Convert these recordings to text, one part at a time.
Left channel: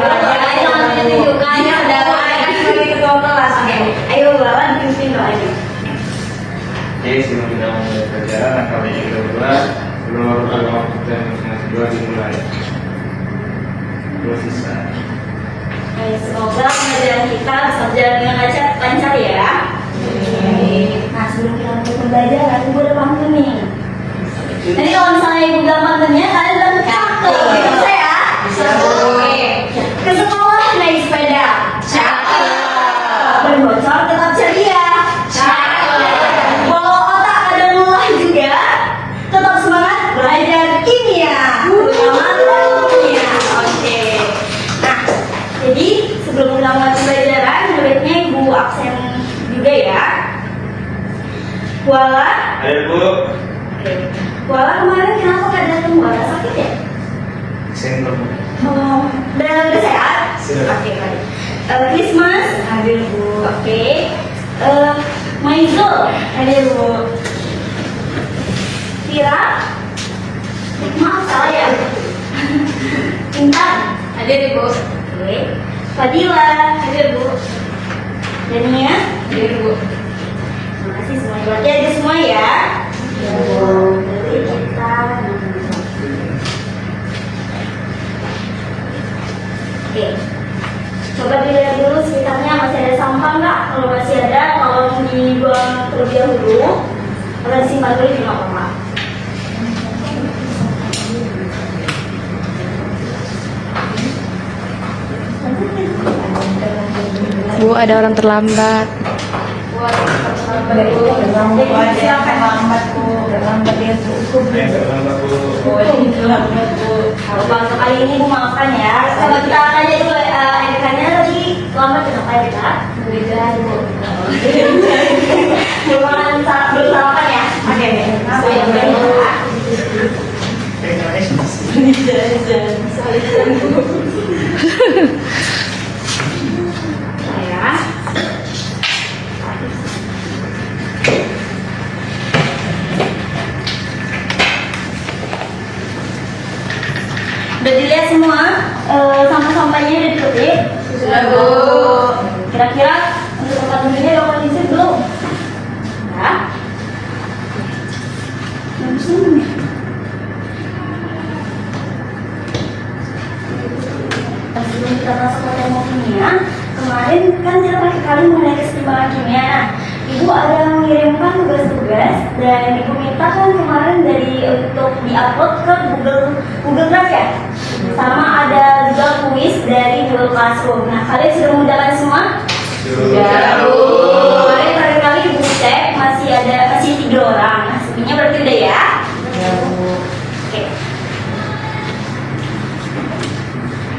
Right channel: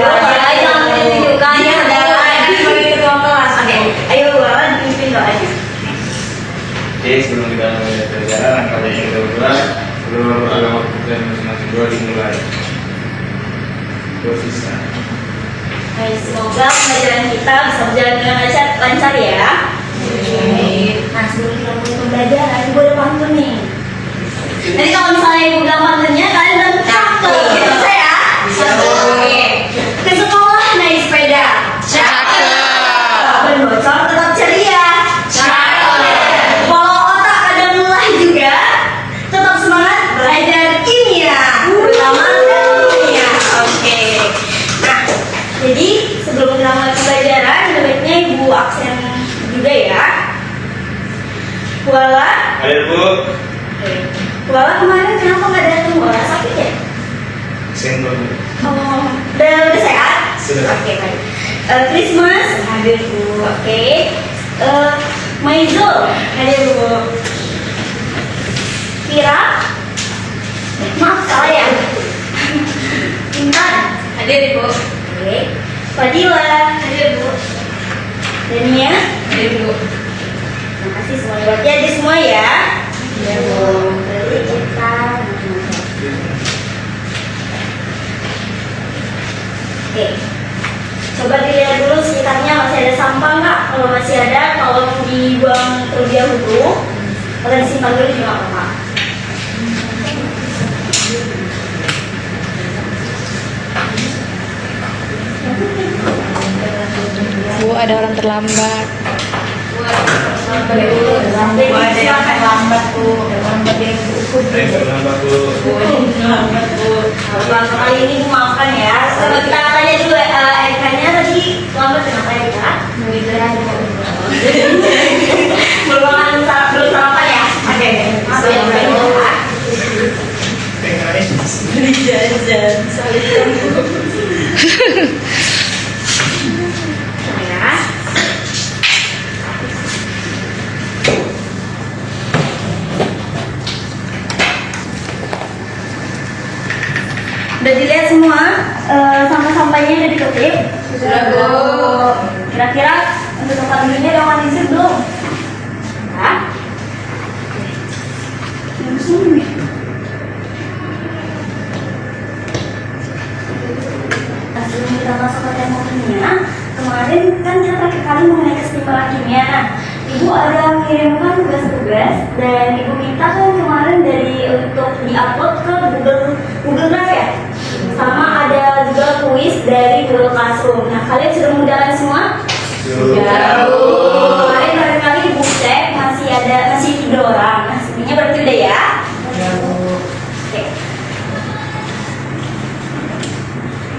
jangan ditunjukkan ya udah sebagai ketua kelas. Oke, ayo Bala dipimpin doanya. Oke, sebelum kita mulai pelajaran, angka yang kita ulang, sebelum waktu dan masing-masing dua dimulai. Sisa. Baik, semoga pembelajaran kita bisa berjalan dengan lancar ya. Nah, sebelum kita mulai pembelajaran, Ibu udah pantun nih. Nanti kalau misalnya Ibu gak pantunnya, kalian bilang cakep. Bisa ya? Oke. Ke sekolah naik sepeda. Cakep. Berbocor tetap ceria. Cakep. Kalau otak ada mulai juga, tetap semangat belajar kimia. Terutama kimia. Oke. Nah, jadi sebelum kita mulai pembelajaran, baiknya Ibu absen juga ya. Kuala. Ayo Bu. Oke. Kuala kemarin kenapa nggak datang? Kuala sakit ya? Sendok. Oh, udah sehat? Sudah. Oke, baik. Christmas, ada Bu. Oke. Maizul, ada Bu. Kira, maaf salah ya. Intan, ada Bu. Oke. Fadila, ada Bu. Dania, ada Bu. Terima kasih semuanya. Berarti ada semua ya. Ya Bu. Berarti kita. Oke, coba dilihat dulu sekitarnya masih ada sampah nggak? Kalau masih ada, tolong dibuang terlebih dahulu atau disimpan dulu di apa-apa. Bu, ada orang terlambat. Ada yang terlambat Bu, terlambat dia Bu. Terlambat Bu. Kalau kali ini Bu maafkan ya. Coba kita tanya dulu Erikanya tadi lambat kenapa ya Kak? Belum makan belum sarapan ya? Oke, maaf ya. Beli jajan, salikan Bu. Ya. Udah dilihat semua sampah-sampahnya udah diketik? Sudah Bu. Kira-kira untuk tempat duduknya ada organisir belum? Ya. Sebelum kita masuk ke tema kimia, kemarin kan kita terakhir kali mengenai kesetimbangan kimia. Ibu ada mengirimkan tugas-tugas dan Ibu minta kan kemarin untuk diupload ke Google Drive ya. Sama ada juga kuis dari Google Classroom. Nah, kalian sudah menjalankan semua? Sudah Bu. Kemarin kali Ibu cek masih 3 orang. Nah, sebenarnya berarti udah ya? Ya Bu. Oke.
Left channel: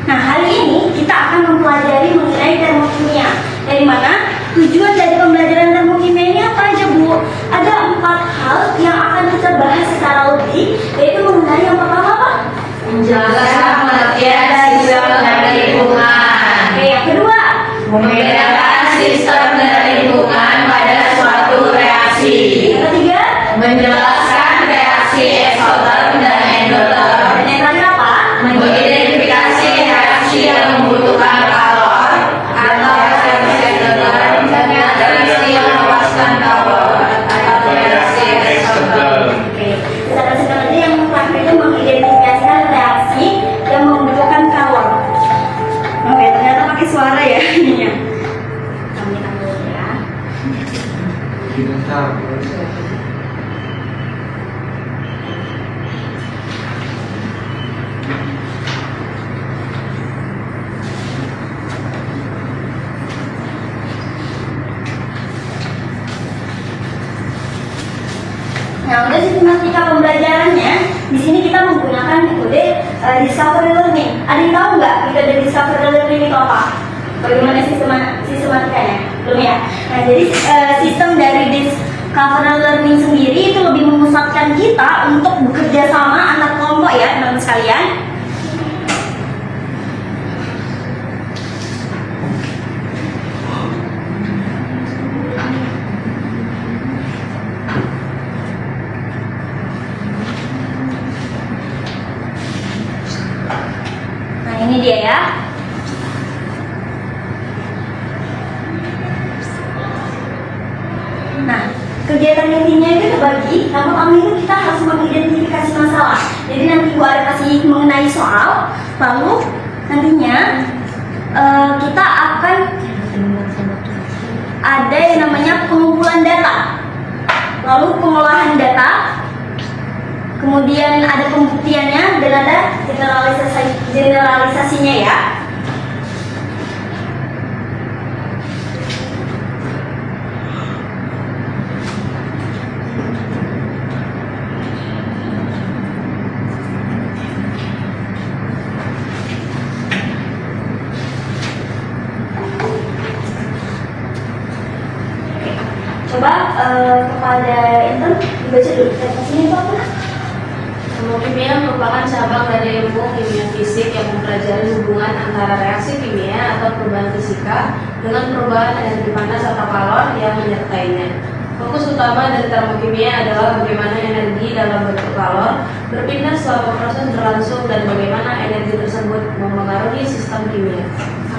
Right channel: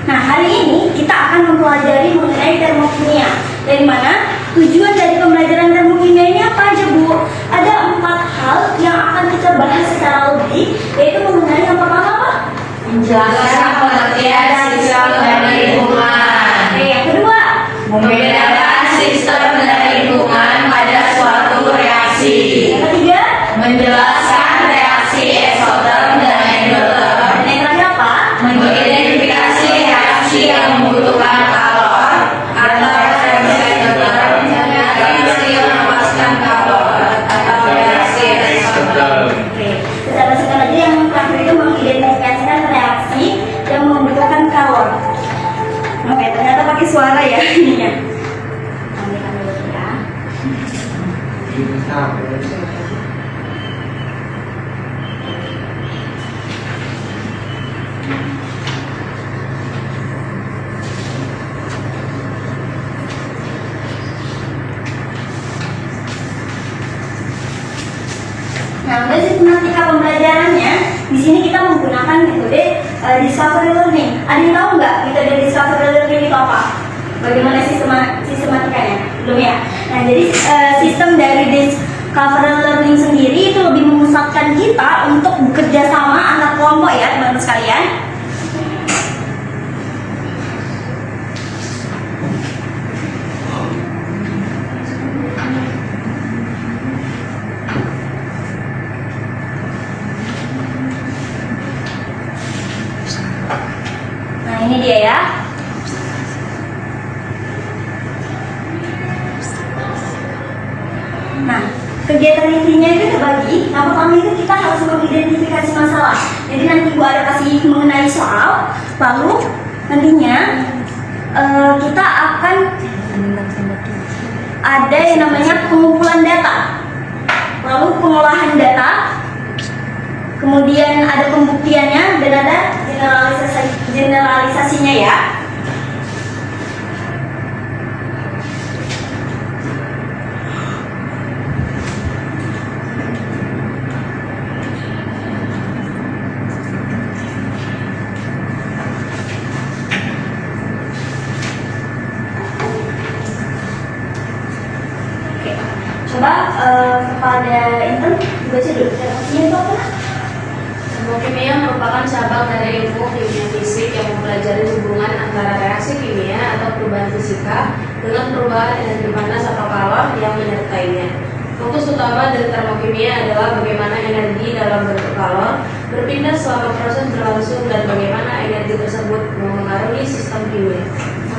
Nah, hari ini kita akan mempelajari mengenai termokimia. Dari mana? Tujuan dari pembelajaran termokimia ini apa aja Bu? Ada 4 hal yang akan kita bahas secara lebih, yaitu mengenai yang pertama apa? Menjelaskan pengertian sistem dan lingkungan. Yang kedua, Membedakan sistem dan lingkungan pada suatu reaksi. yang ketiga, Menjelaskan reaksi eksoterm dan endoterm. dan yang terakhir apa? Mengidentifikasi reaksi yang membutuhkan kalor atau reaksi endoterm dan reaksi yang melepaskan kalor atau reaksi eksoterm. Oke, kita bersihkan tadi yang terakhir itu mengidentifikasikan reaksi yang membutuhkan kalor. Oke, ternyata pakai suara ya ininya. Ambil dulu ya. Nah, udah sistematika pembelajarannya. Di sini kita menggunakan metode discovery learning. Ada yang tahu nggak metode discovery learning itu apa? Bagaimana sistematikanya? Belum ya? Nah, jadi sistem dari discovery learning sendiri itu lebih memusatkan kita untuk bekerja sama anak kelompok ya, teman-teman sekalian. Nah, ini dia ya. Nah, pertama itu kita harus mengidentifikasi masalah. Jadi nanti Ibu ada kasih mengenai soal, lalu nantinya kita akan ada yang namanya pengumpulan data, lalu pengolahan data, kemudian ada pembuktiannya dan ada generalisasinya ya. Oke, coba kepada Intan dibaca dulu definisinya itu apa? Ilmu kimia merupakan cabang dari ilmu kimia fisik yang mempelajari hubungan antara reaksi kimia atau perubahan fisika dengan perubahan energi panas atau kalor yang menyertainya. Fokus utama dari termokimia adalah bagaimana energi dalam bentuk kalor berpindah selama proses berlangsung dan bagaimana energi tersebut memengaruhi sistem kimia.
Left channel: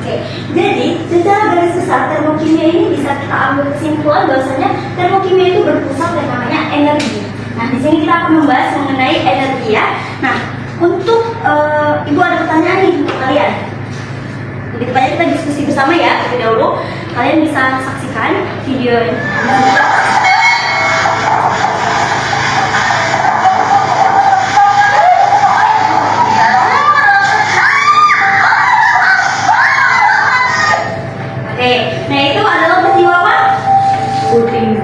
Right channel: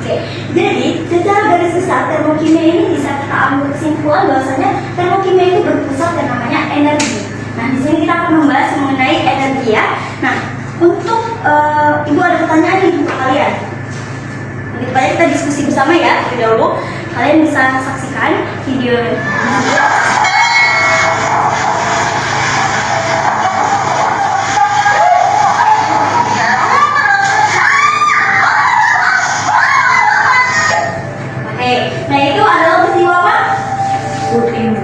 Oke, jadi secara garis besar termokimia ini bisa kita ambil kesimpulan bahwasanya termokimia itu berpusat yang namanya energi. Nah, di sini kita akan membahas mengenai energi ya. Nah, untuk Ibu ada pertanyaan nih untuk kalian. Lebih tepatnya kita diskusi bersama ya. Terlebih dahulu, kalian bisa saksikan video. Oke, nah itu adalah peristiwa apa? Puting.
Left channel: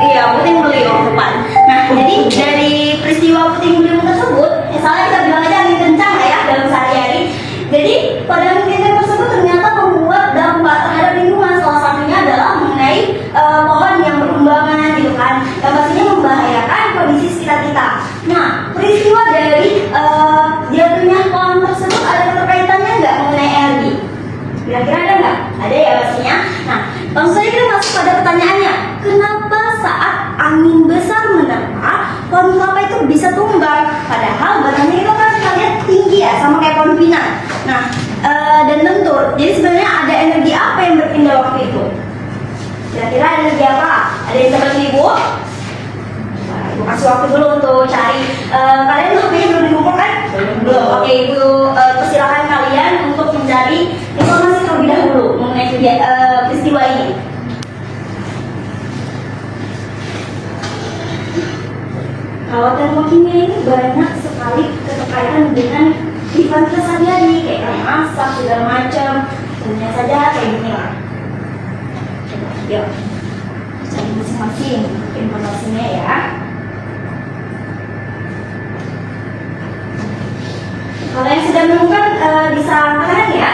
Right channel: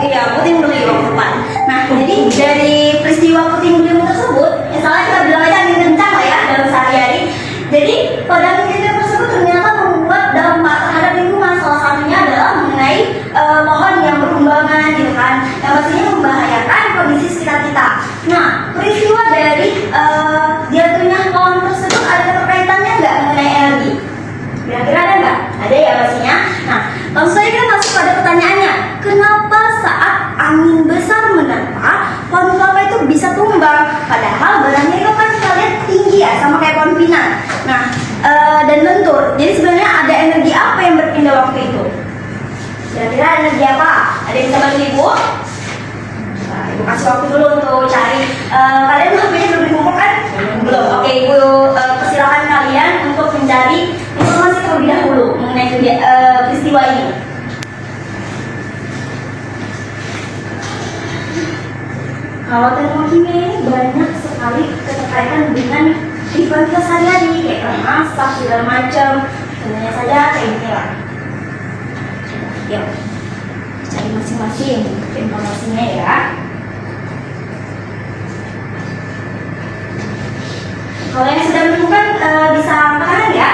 Iya, puting beliung tepat. Nah, jadi dari peristiwa puting beliung tersebut, misalnya kita bilang aja angin kencang lah ya dalam sehari-hari. Jadi pada angin kencang tersebut ternyata membuat dampak terhadap lingkungan. Salah satunya adalah mengenai pohon yang berkembangan gitu kan, yang pastinya membahayakan kondisi sekitar kita. Nah, peristiwa dari jatuhnya pohon tersebut ada keterkaitannya nggak mengenai energi? Kira-kira ada nggak? Ada ya pastinya. Nah, langsung saja kita masuk pada pertanyaannya. Kenapa saat angin besar menerpa, pohon kelapa itu bisa tumbang? Padahal badannya itu kan kita lihat tinggi ya, sama kayak pohon pinang. Nah, dan lentur. Jadi sebenarnya ada energi apa yang berpindah waktu itu? Kira-kira energi apa? Ada yang bisa bantu Ibu? Nah, Ibu kasih waktu dulu untuk cari. Kalian HP-nya belum dikumpulkan? Belum. Oke, Ibu persilakan kalian untuk mencari informasi terlebih dahulu mengenai peristiwa ini. Kalau termokimia ini banyak sekali keterkaitan dengan kehidupan kita sehari-hari, kayak masak segala macam. Tentunya saja kayak gini lah. Coba, yuk cari masing-masing informasinya ya. Kalau yang sudah menemukan bisa angkat ya.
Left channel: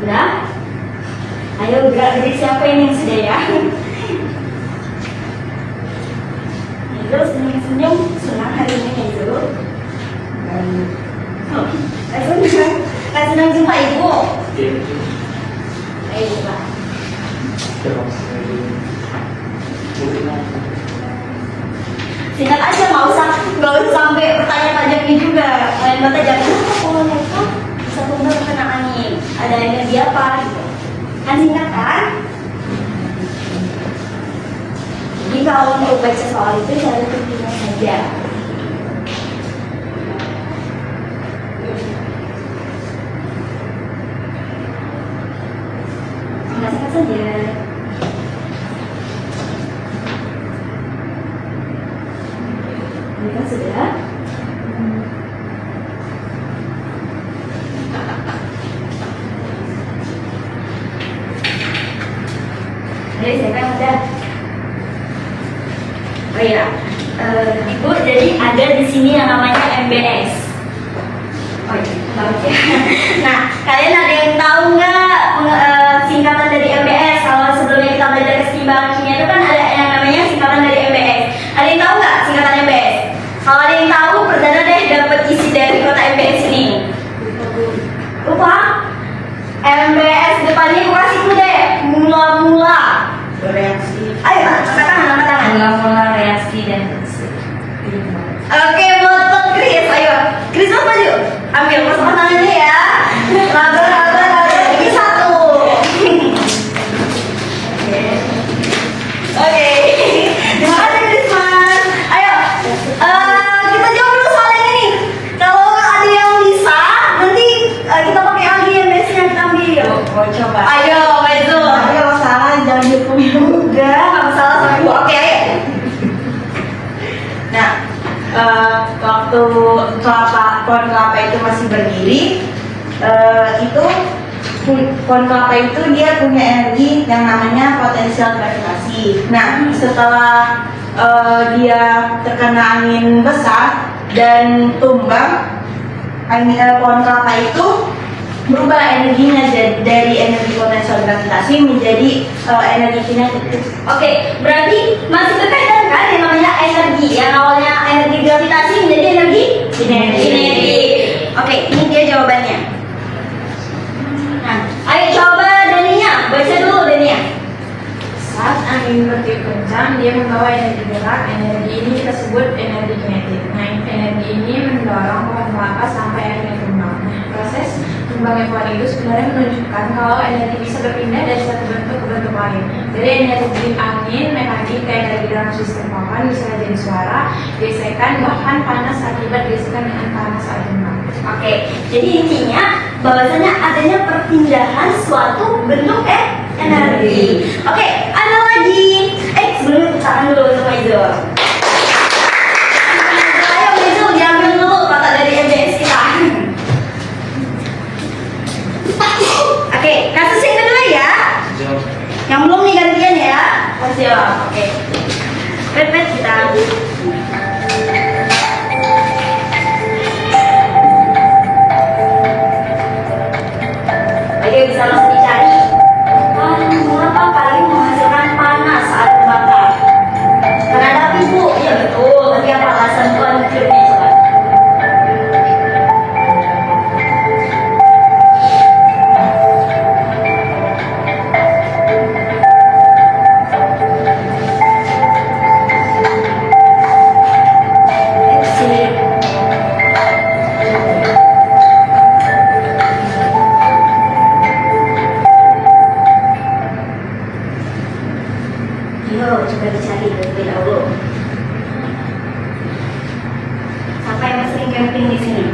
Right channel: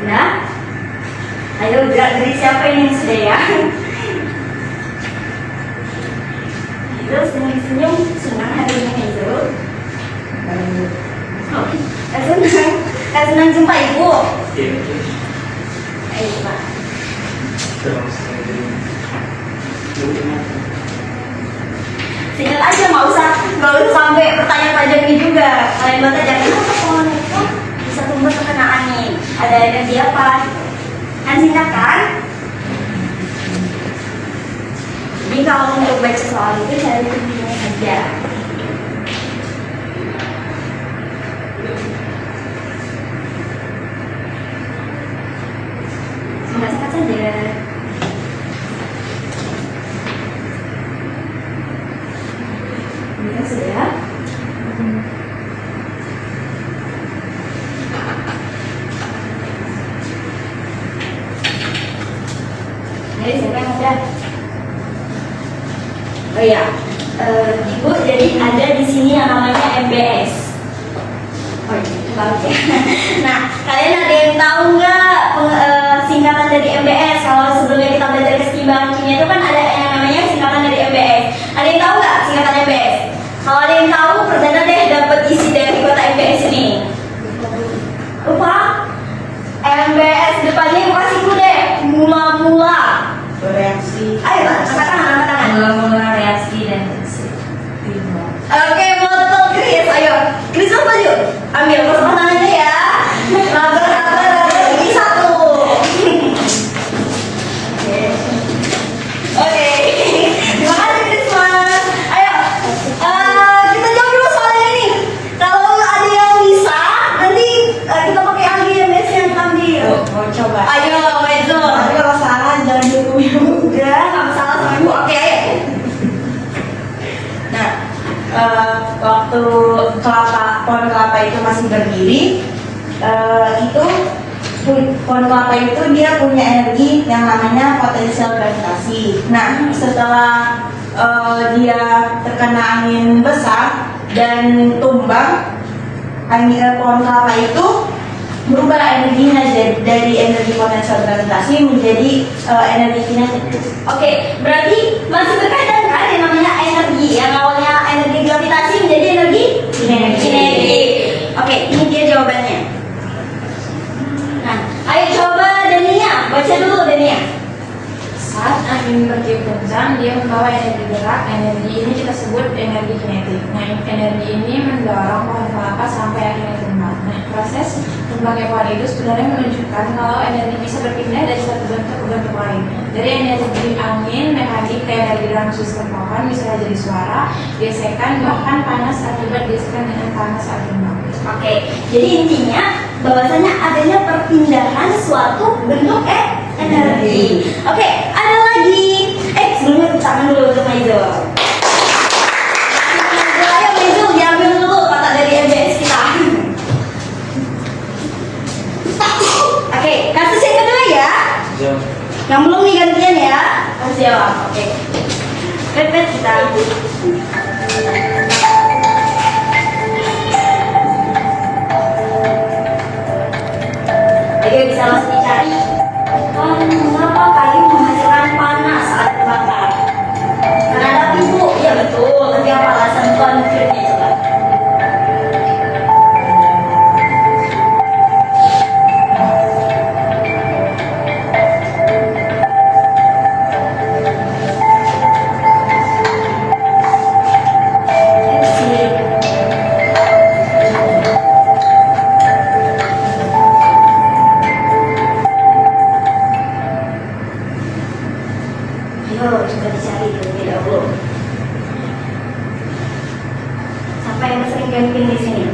Udah? Ayo gerak-gerik siapa ini yang sudah ya? Terus senyum-senyum senang hari ini itu. Senang jumpa Ibu. Ayo Pak. Singkat aja, nggak usah sampai pertanyaan panjangnya juga. Kalian buat aja kenapa pohon itu bisa tumbang terkena angin? Ada energi apa? Gitu. Kan singkat kan? Jadi kalau untuk baca soal itu cari intinya saja. Singkat saja. Ini kan sudah. Jadi siapa yang udah? Oh iya, Ibu, jadi ada di sini yang namanya MBS. Oh iya, bagus ya. Nah, kalian ada yang tahu nggak singkatan dari MBS? Kalau sebelumnya kita belajar keseimbangan kimia itu kan ada yang namanya singkatan dari MBS. Ada yang tahu nggak singkatan MBS? Kalau ada yang tahu, perdana deh dapat isi dari kota MBS ini. Lupa? MBS depannya gue kasih dulu deh. Mula-mula. Bereaksi kelapa itu masih berdiri, itu pohon kelapa itu dia punya energi yang namanya potensial gravitasi. Nah, setelah dia terkena angin besar dan tumbang, pohon kelapa itu berubah energinya dari energi potensial gravitasi menjadi energi kinetik. Oke, berarti masih terkadang kan yang namanya energi yang awalnya energi gravitasi menjadi energi kinetik. Oke, ini dia jawabannya. Nah, ayo coba Dania, baca dulu Dania. Saat angin bertiup kencang, dia membawa energi gerak. Energi ini kita sebut energi kinetik. Nah, energi ini mendorong pohon kelapa sampai akhirnya tumbang. Nah, proses tumbangnya pohon itu sebenarnya menunjukkan kalau energi bisa berpindah dari satu bentuk ke bentuk lain. Dari energi angin mekanik ke energi dalam sistem pohon, misalnya jadi suara, gesekan, bahkan panas akibat gesekan dengan panas saat tumbang. Oke, jadi intinya bahwasanya adanya perpindahan suatu bentuk energi. Oke, ada lagi. Sebelumnya tepuk tangan dulu untuk Maizo. Ayo Maizo, diambil dulu kata dari MBS kita. Oke, kasus yang kedua ya. Yang belum nih gantian ya. Siap. Oke. Pet kita. Ayo bisa langsung dicari. Mengapa kayu menghasilkan panas saat terbakar? Karena ada api bu. Ya betul. Tapi apa alasan konkretnya coba? Ayo coba dicari terlebih dahulu. Siapa yang sering camping di sini?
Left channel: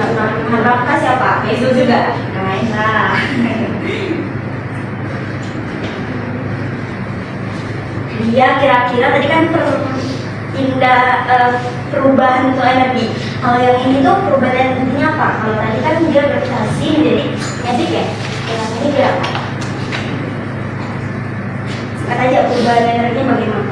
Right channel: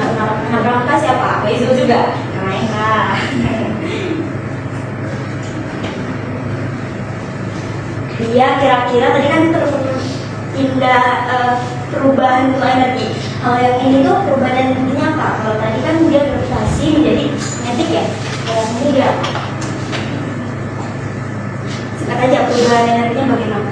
Teman Rangka siapa? Maizo juga. Nah, dia kira-kira tadi kan perubahan untuk energi. Kalau yang ini tuh perubahan energinya apa? Kalau tadi kan dia gravitasi menjadi kinetik ya. Kalau ini dia apa? Kata aja perubahan energinya bagaimana?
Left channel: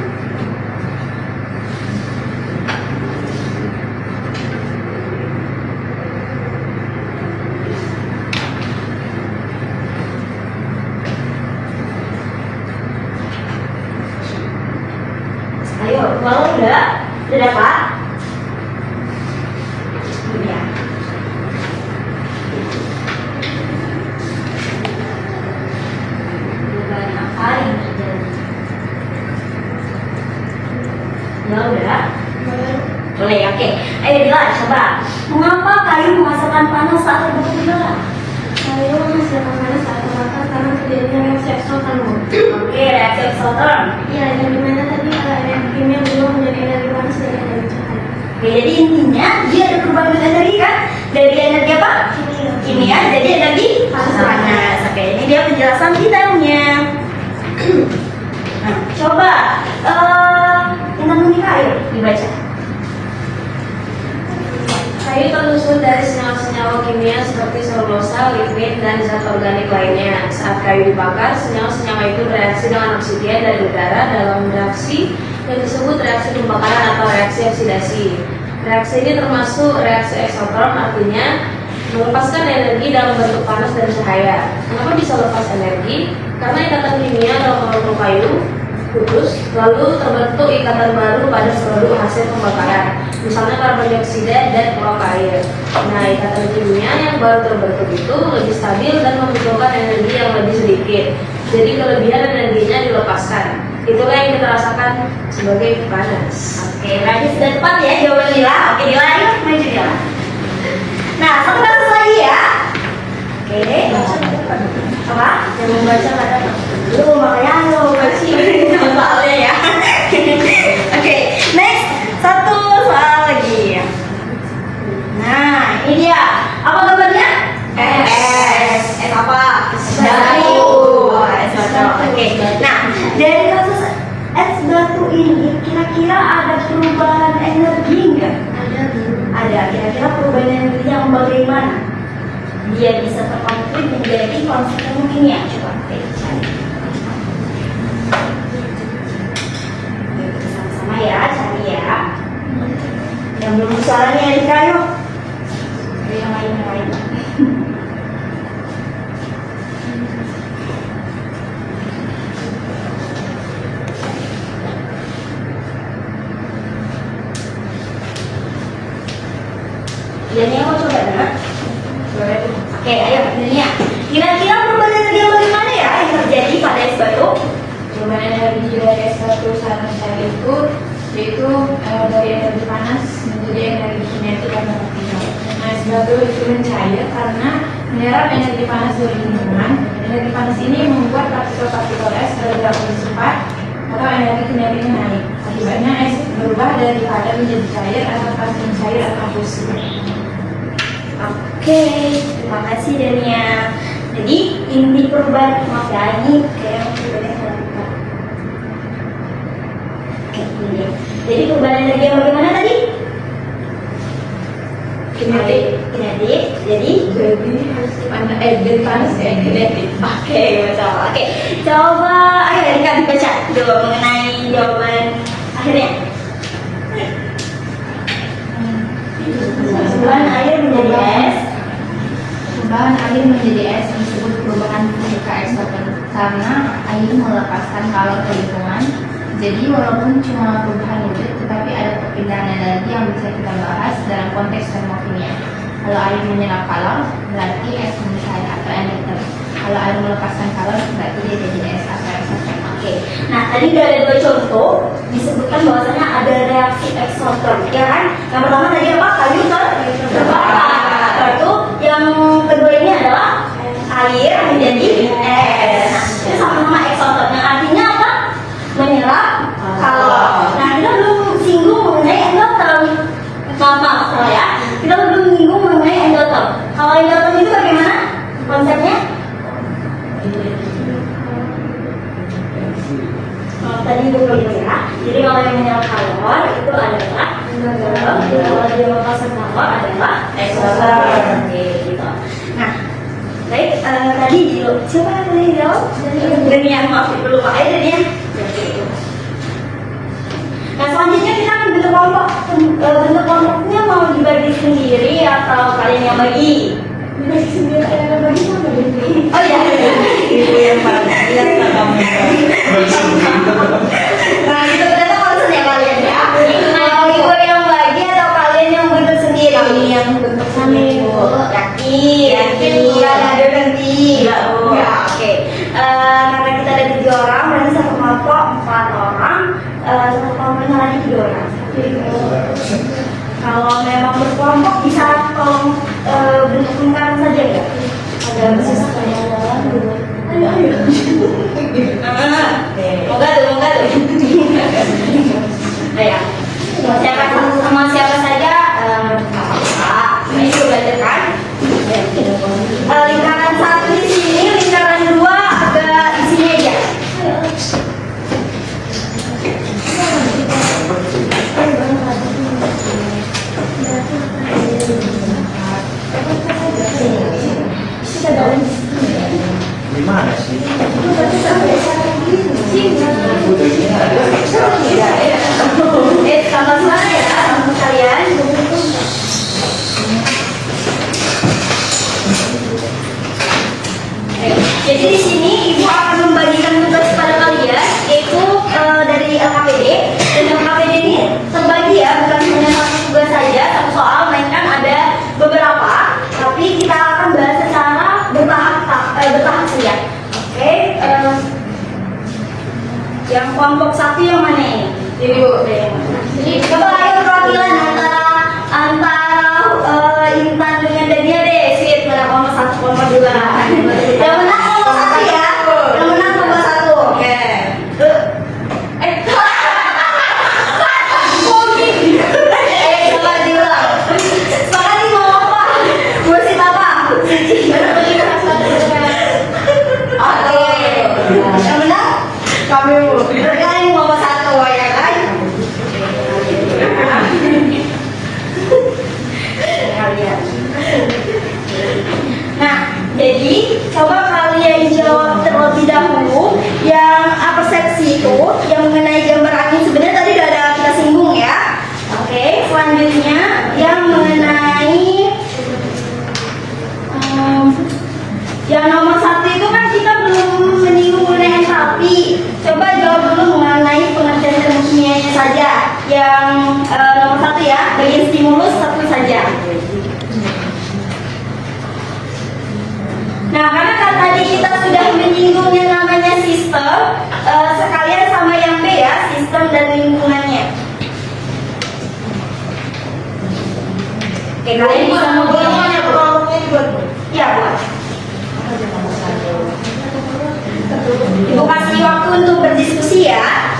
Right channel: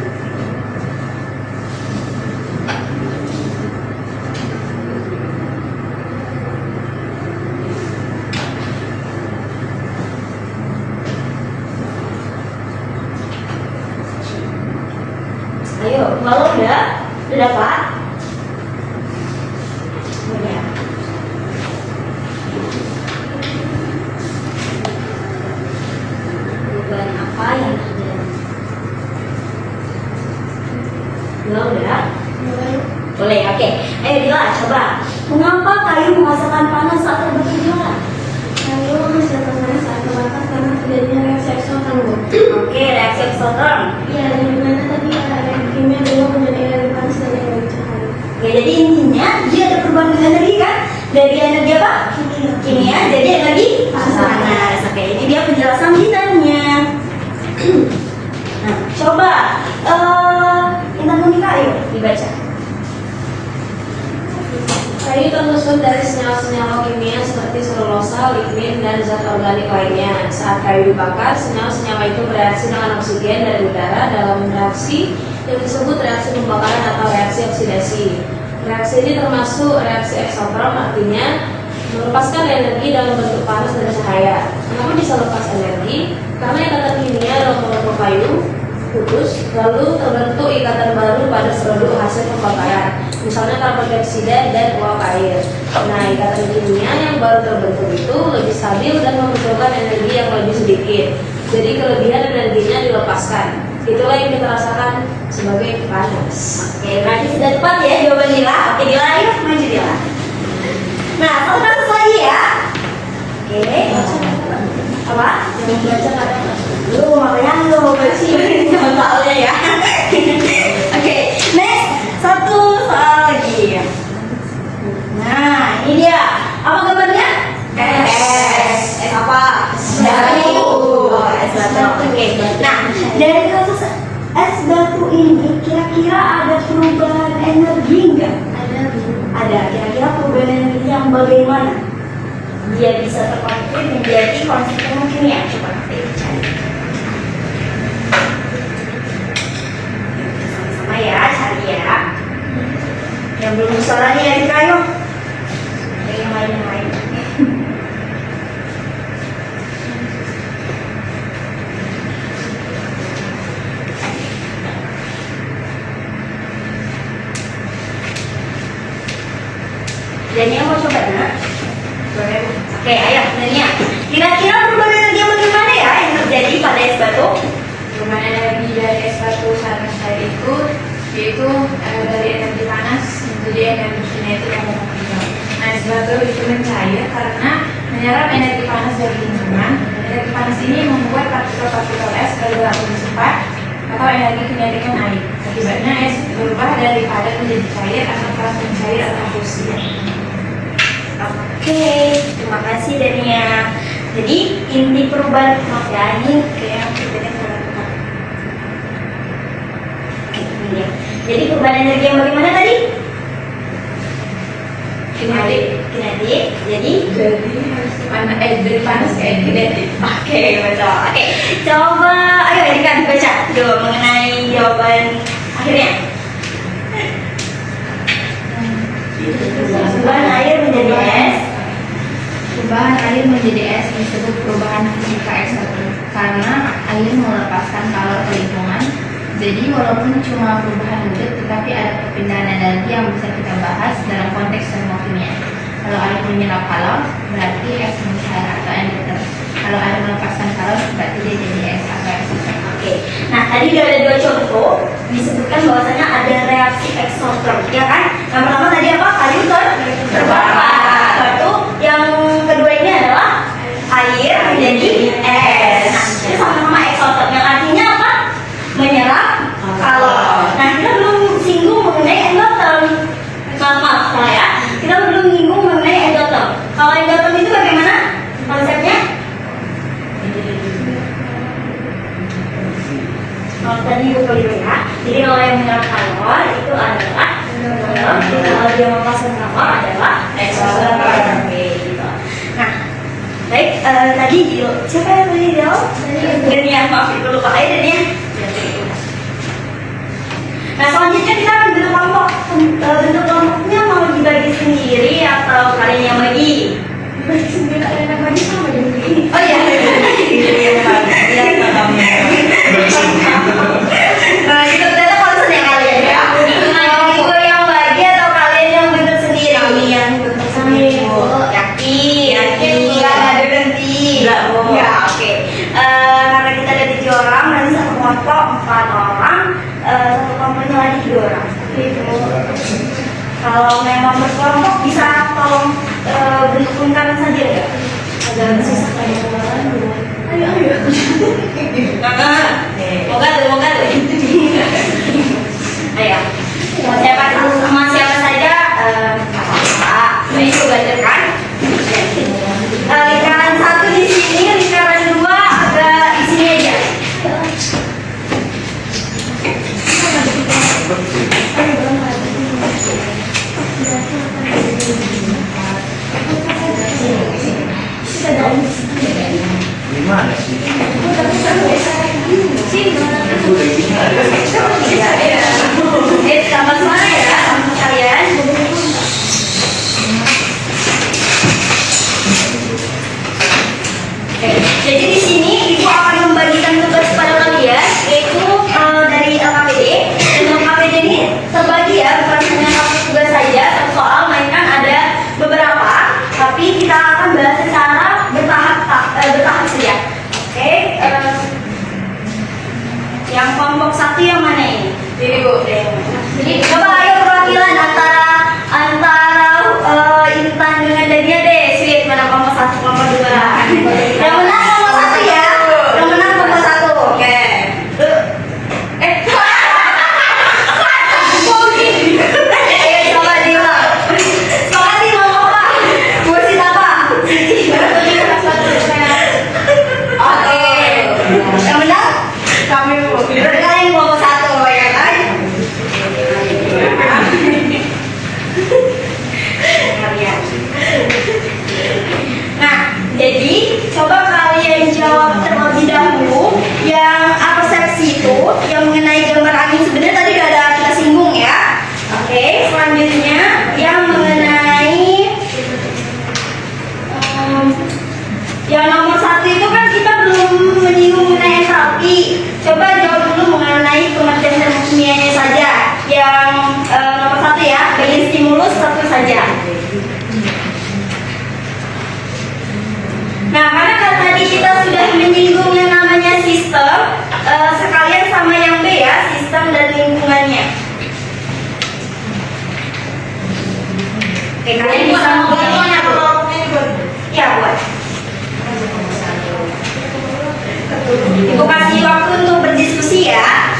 Ayo, kalau udah dapat? Udah. Perubahan apa yang terjadi? Ya udah. Boleh, oke. Ayo Dila, coba. Mengapa kayu menghasilkan panas saat terbentuk gerak? Kayu menghasilkan panas saat terbakar karena terjadinya reaksi eksoterm. Oke, reaksi eksoterm. Ya, yang dimana tadi energi kimia dulu menjadi energi panas dari energi cahaya. Oke, jadi intinya dia ada perubahan energi kan? Dari energi apa? Kimia jadi energi panas. Oke, ini dia penjelasan detailnya. Nah, coba yang tanggung kita ayo dibaca. Kayu tersusun dari senyawa-senyawa kimia seperti selulosa, lignin, dan zat organik lainnya. Saat kayu dibakar, senyawa-senyawa itu bereaksi dengan oksigen dari udara dalam reaksi yang disebut reaksi pembakaran atau reaksi oksidasi. Reaksi ini termasuk reaksi eksoterm, artinya melepaskan energi dalam bentuk panas dan cahaya. Kenapa bisa lepas energi? Karena ikatan kimia dalam molekul kayu putus, lalu terbentuk ikatan baru pada produk hasil pembakaran, misalnya karbon dioksida dan uap air. Nah, ikatan kimia yang baru terbentuk itu lebih stabil dan membutuhkan energi yang lebih sedikit. Jadi kelebihan energinya dilepaskan. Itulah yang kita rasakan sebagai panas. Oke, berarti sudah tepat ya jawaban Dila. Oke, Dila ayo maju Dila. Nah, satu kasus lagi ya. Oke, apa? Yang membaca ada Lu makanya lu baca soalnya ya. Oke, next satu soal lagi. Nah, ini dia. Apa gambarnya? S. S apa? Batu. S batu. Oke. Nah, dari kasus es batu ini kira-kira ada perubahan energi nggak? ada Ada. Kira-kira perubahan energi yang dia bisa terkonflik menjadi konstituen kimia? Coba kita cari. Sama-sama ya, cari ya. Yang belum suaranya yang dikayu. Yang lain. Dania mau coba nak? Oke, ayo Dania. Kira-kira perubahan energi yang bagaimana ya yang terjadi pada es batu? Perubahan energi dari es batu saat mencair itu yaitu dari energi panas menjadi energi kinetik yang berubah. Nah, es batu itu mencair karena menyerap energi panas dari lingkungan. Energi panas ini membuat partikel-partikel es bergerak lebih cepat atau energi kinetiknya naik. Akibatnya es berubah dari padat menjadi cair atau transfer cair atau fusi. Oke, terima kasih Dania. Jadi inti perubahan, maaf ya, ini kayak berbeda sama kita. Oke, ini dia. Jadi perubahan energi yang bagaimana tadi? Kinetik. Jadi dari panas ke kinetik. Oke, betul. Oke, coba ayo Erika dibaca dulu mengenai jawaban akhirnya. Perubahan air menjadi es. Perubahan air menjadi es disebut perubahan fisika eksoter karena air melepaskan kalor ke lingkungan. Jadi walaupun cuma perubahan wujud, tetapi ada perpindahan energi yang bisa kita bahas dalam konteks termokimia. Kalau air menyerap kalor, berarti es mencair atau endotherm. Kalau air melepaskan kalor, berarti dia jadi es atau eksoter. Oke, nah tadi udah ada dua contoh disebutkan bahwasanya ada reaksi eksoterm, ya kan? Yang pertama tadi apa? Kayu terbakar. Lalu yang kedua ini adalah air menjadi es. Nah, itu sama-sama eksoterm. Yang artinya apa? Menyerap kalor. Nah, kita belum singgung mengenai endotherm. Maaf ya, kita belum singgung mengenai endotherm. Kalau endotherm itu bagaimana konsepnya? Tadi itu ya. Jadi kalau yang menyerap kalor itu adalah endotherm. Kalau dia melepaskan kalor adalah eksoterm. Gitu. Nah, baik. Tadi siapa yang boleh jawab? Dania, maaf ibu lupa. Ayo Dania. Nah, selanjutnya kita akan bentuk kelompok. Bentuk kelompoknya mau dibagi sendiri atau kalian yang bagi? Dibagi sendiri, kalian yang bagi sama dibagi. Oh iya. Nah, itu ternyata concern ya kalian ya. Nah, ibu yang bagi atau kalian yang bentuk sendiri? Kami yang bentuk sendiri. Yakin. Bukan ada nanti. Ya, oke. Karena kita ada 7 orang, berarti satu kelompok 4 orang. Satu kelompoknya lagi 3 orang. Kalau memang berkelompok bisa tolong bentuk lingkaran saja ya. Agak susah kayak ayo. Moga tuh. Ayo. Sama siapa saja apa? Ini juga kan. Lingkaran 1 di sini, lingkaran 2 agak di sini aja. Gimana sih? Tambah suara ya sama kalian. Jadi di sini ibu akan membagikan tugas pada kalian, yaitu dari LKPD. Dan LKPD ini terbagi ya, bukan hanya satu tugas saja, satu soal, melainkan ada beberapa. Tapi kita akan bahas secara bertahap saja. Oke. Yang kelompok 1 yang mana ini? Jadi bu, coba ayo perwakilan antara Intan dengan Dania deh, sweet mana kelompok 1, kelompok 2. Yang menang kelompok 1 ya. Yang menang kelompok 1. Oke. Yang menang kami bu. Kalian kelompok 1 ya kan? Kalian. Yang nomor 1 itu kan kita belum menyinggung mengenai entalpi. Coba jawab dulu mengenai pengertian termokimianya saja. Yang nomor 1 ya, bagian stimulus satu saja. Nah, karena kan tadi kita sudah menyinggung yang namanya sistem, sekalian sama yang B ya, sistem dan lingkungannya. Oke, kalian bisa membuat ya, buat. Ibu kasih waktu untuk berdiskusi ya.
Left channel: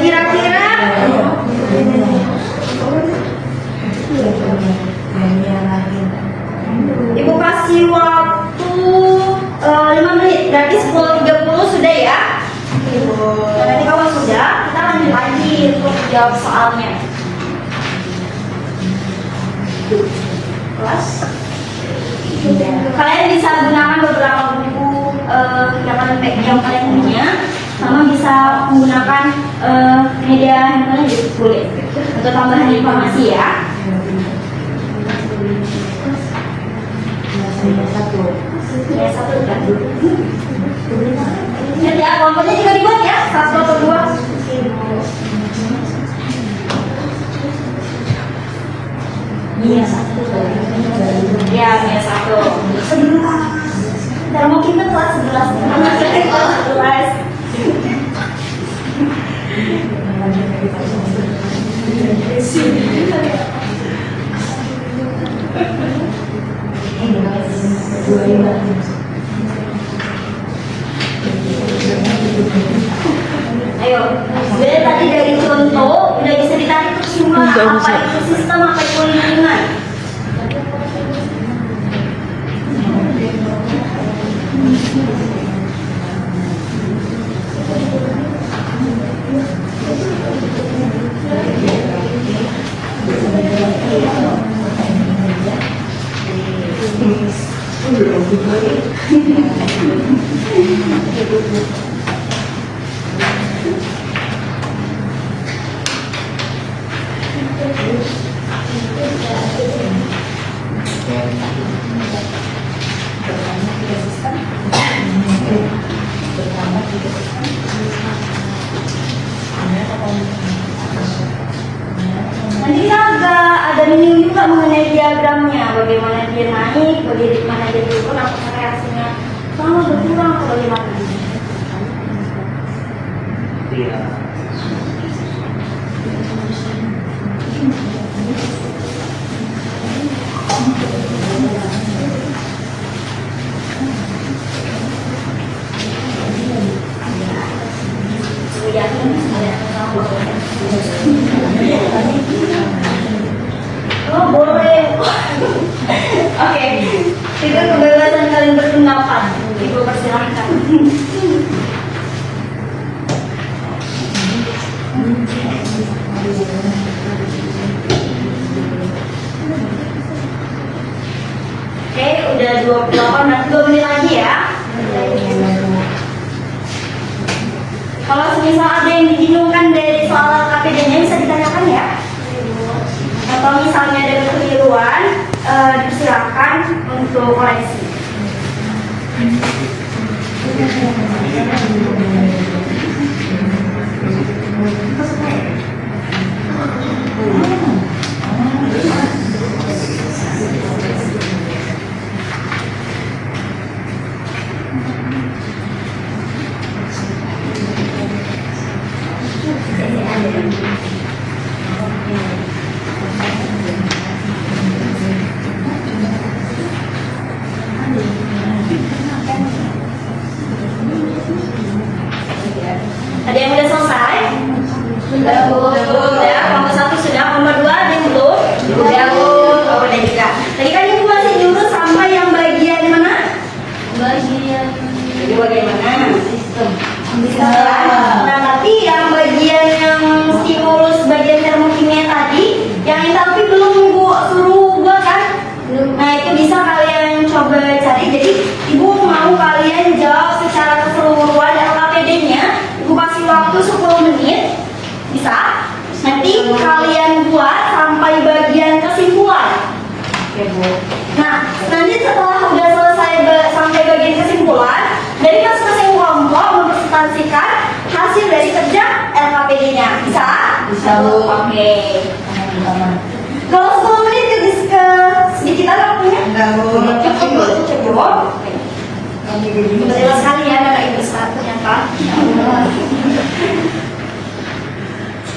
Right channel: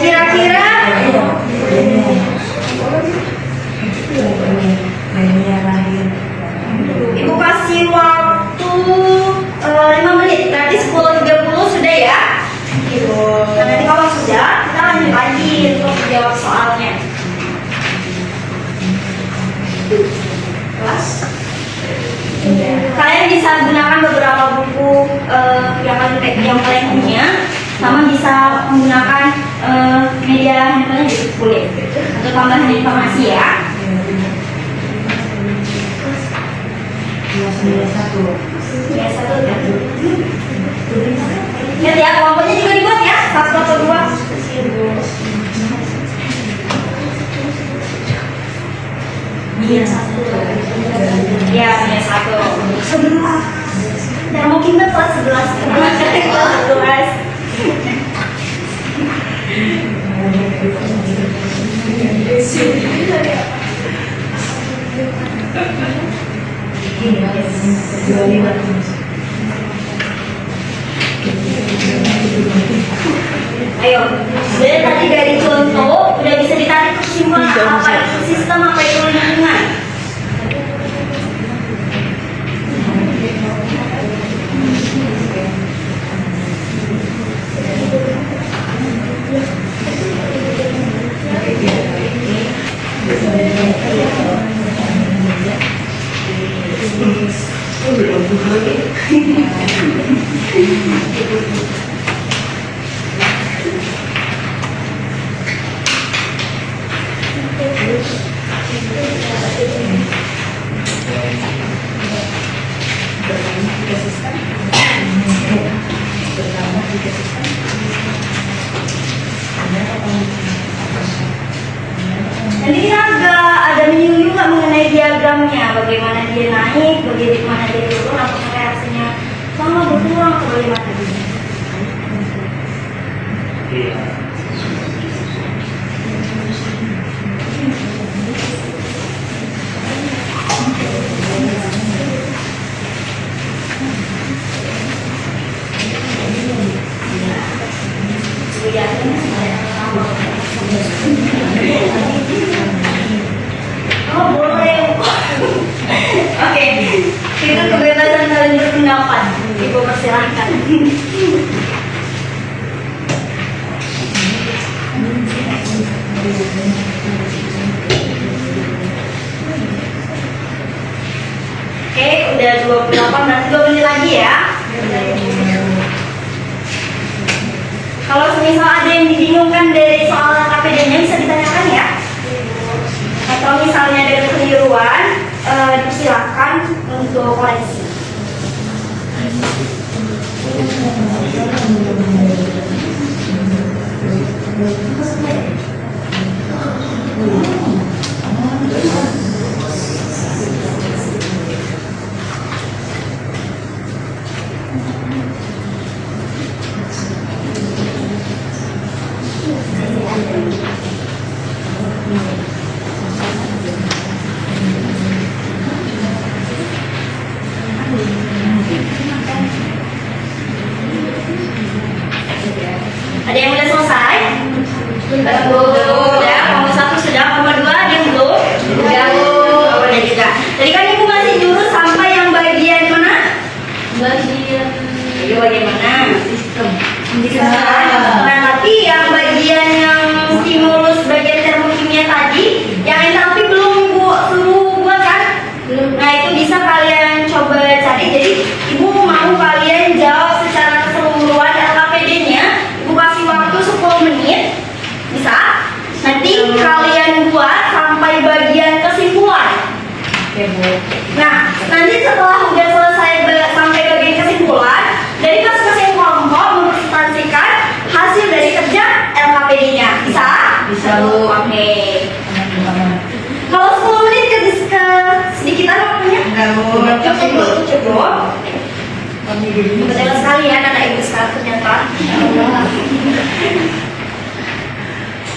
Kira-kira Ibu kasih waktu 5 menit, berarti 10.30 sudah ya. Nah, nanti kalau sudah, kita lanjut lagi untuk jawab soalnya. Kelas. Kalian bisa gunakan beberapa buku yang kalian punya, sama bisa menggunakan media handphone juga boleh untuk tambahan informasi ya. Ya, satu kan. Ingat ya, kelompoknya juga dibuat ya, 1 atau 2. Iya, 1. Ya, iya 1. Sebentar. Dan mungkin kita kelas 11. Karena saya kelas 11. Ayo, jadi tadi dari contoh udah bisa ditarik kesimpulan apa itu sistem, apa itu lingkungan. Nanti kita ada menyinggung juga mengenai diagramnya, bagaimana dia naik, bagaimana dia turun, apakah reaksinya sama berkurang atau bagaimana. Iya. Oh boleh. Oke, itu kebebasan kalian berpendapat. Ibu persilahkan. Oke, udah 28, nanti 2 menit lagi ya. Kalau semisal ada yang dibingungkan dari soal KPD-nya bisa ditanyakan ya. Atau misalnya ada kekeliruan, dipersilakan untuk koreksi. Ada yang udah selesai? Udah, nomor 1 sudah, nomor 2 yang belum? Udah, oh udah juga. Tadi kan ibu masih jurus sampai yang bagian mana? Bagian mana? Sistem. Nah, tapi yang bagian yang stimulus, bagian termokimia tadi, yang entalpi belum ibu suruh buat kan? Nah, itu bisa kalian coba cari. Jadi, ibu mau kalian jawab secara keseluruhan LKPD-nya. Ibu kasih waktu 10 menit. Bisa? Nanti kalian buat sampai bagian kesimpulan. Nah, nanti setelah udah selesai satu. Oke. Kalau 10 menit ke sedikitan waktunya? Enggak, Bu. Cukup. Betul sekali ya anak ibu sekarang ternyata.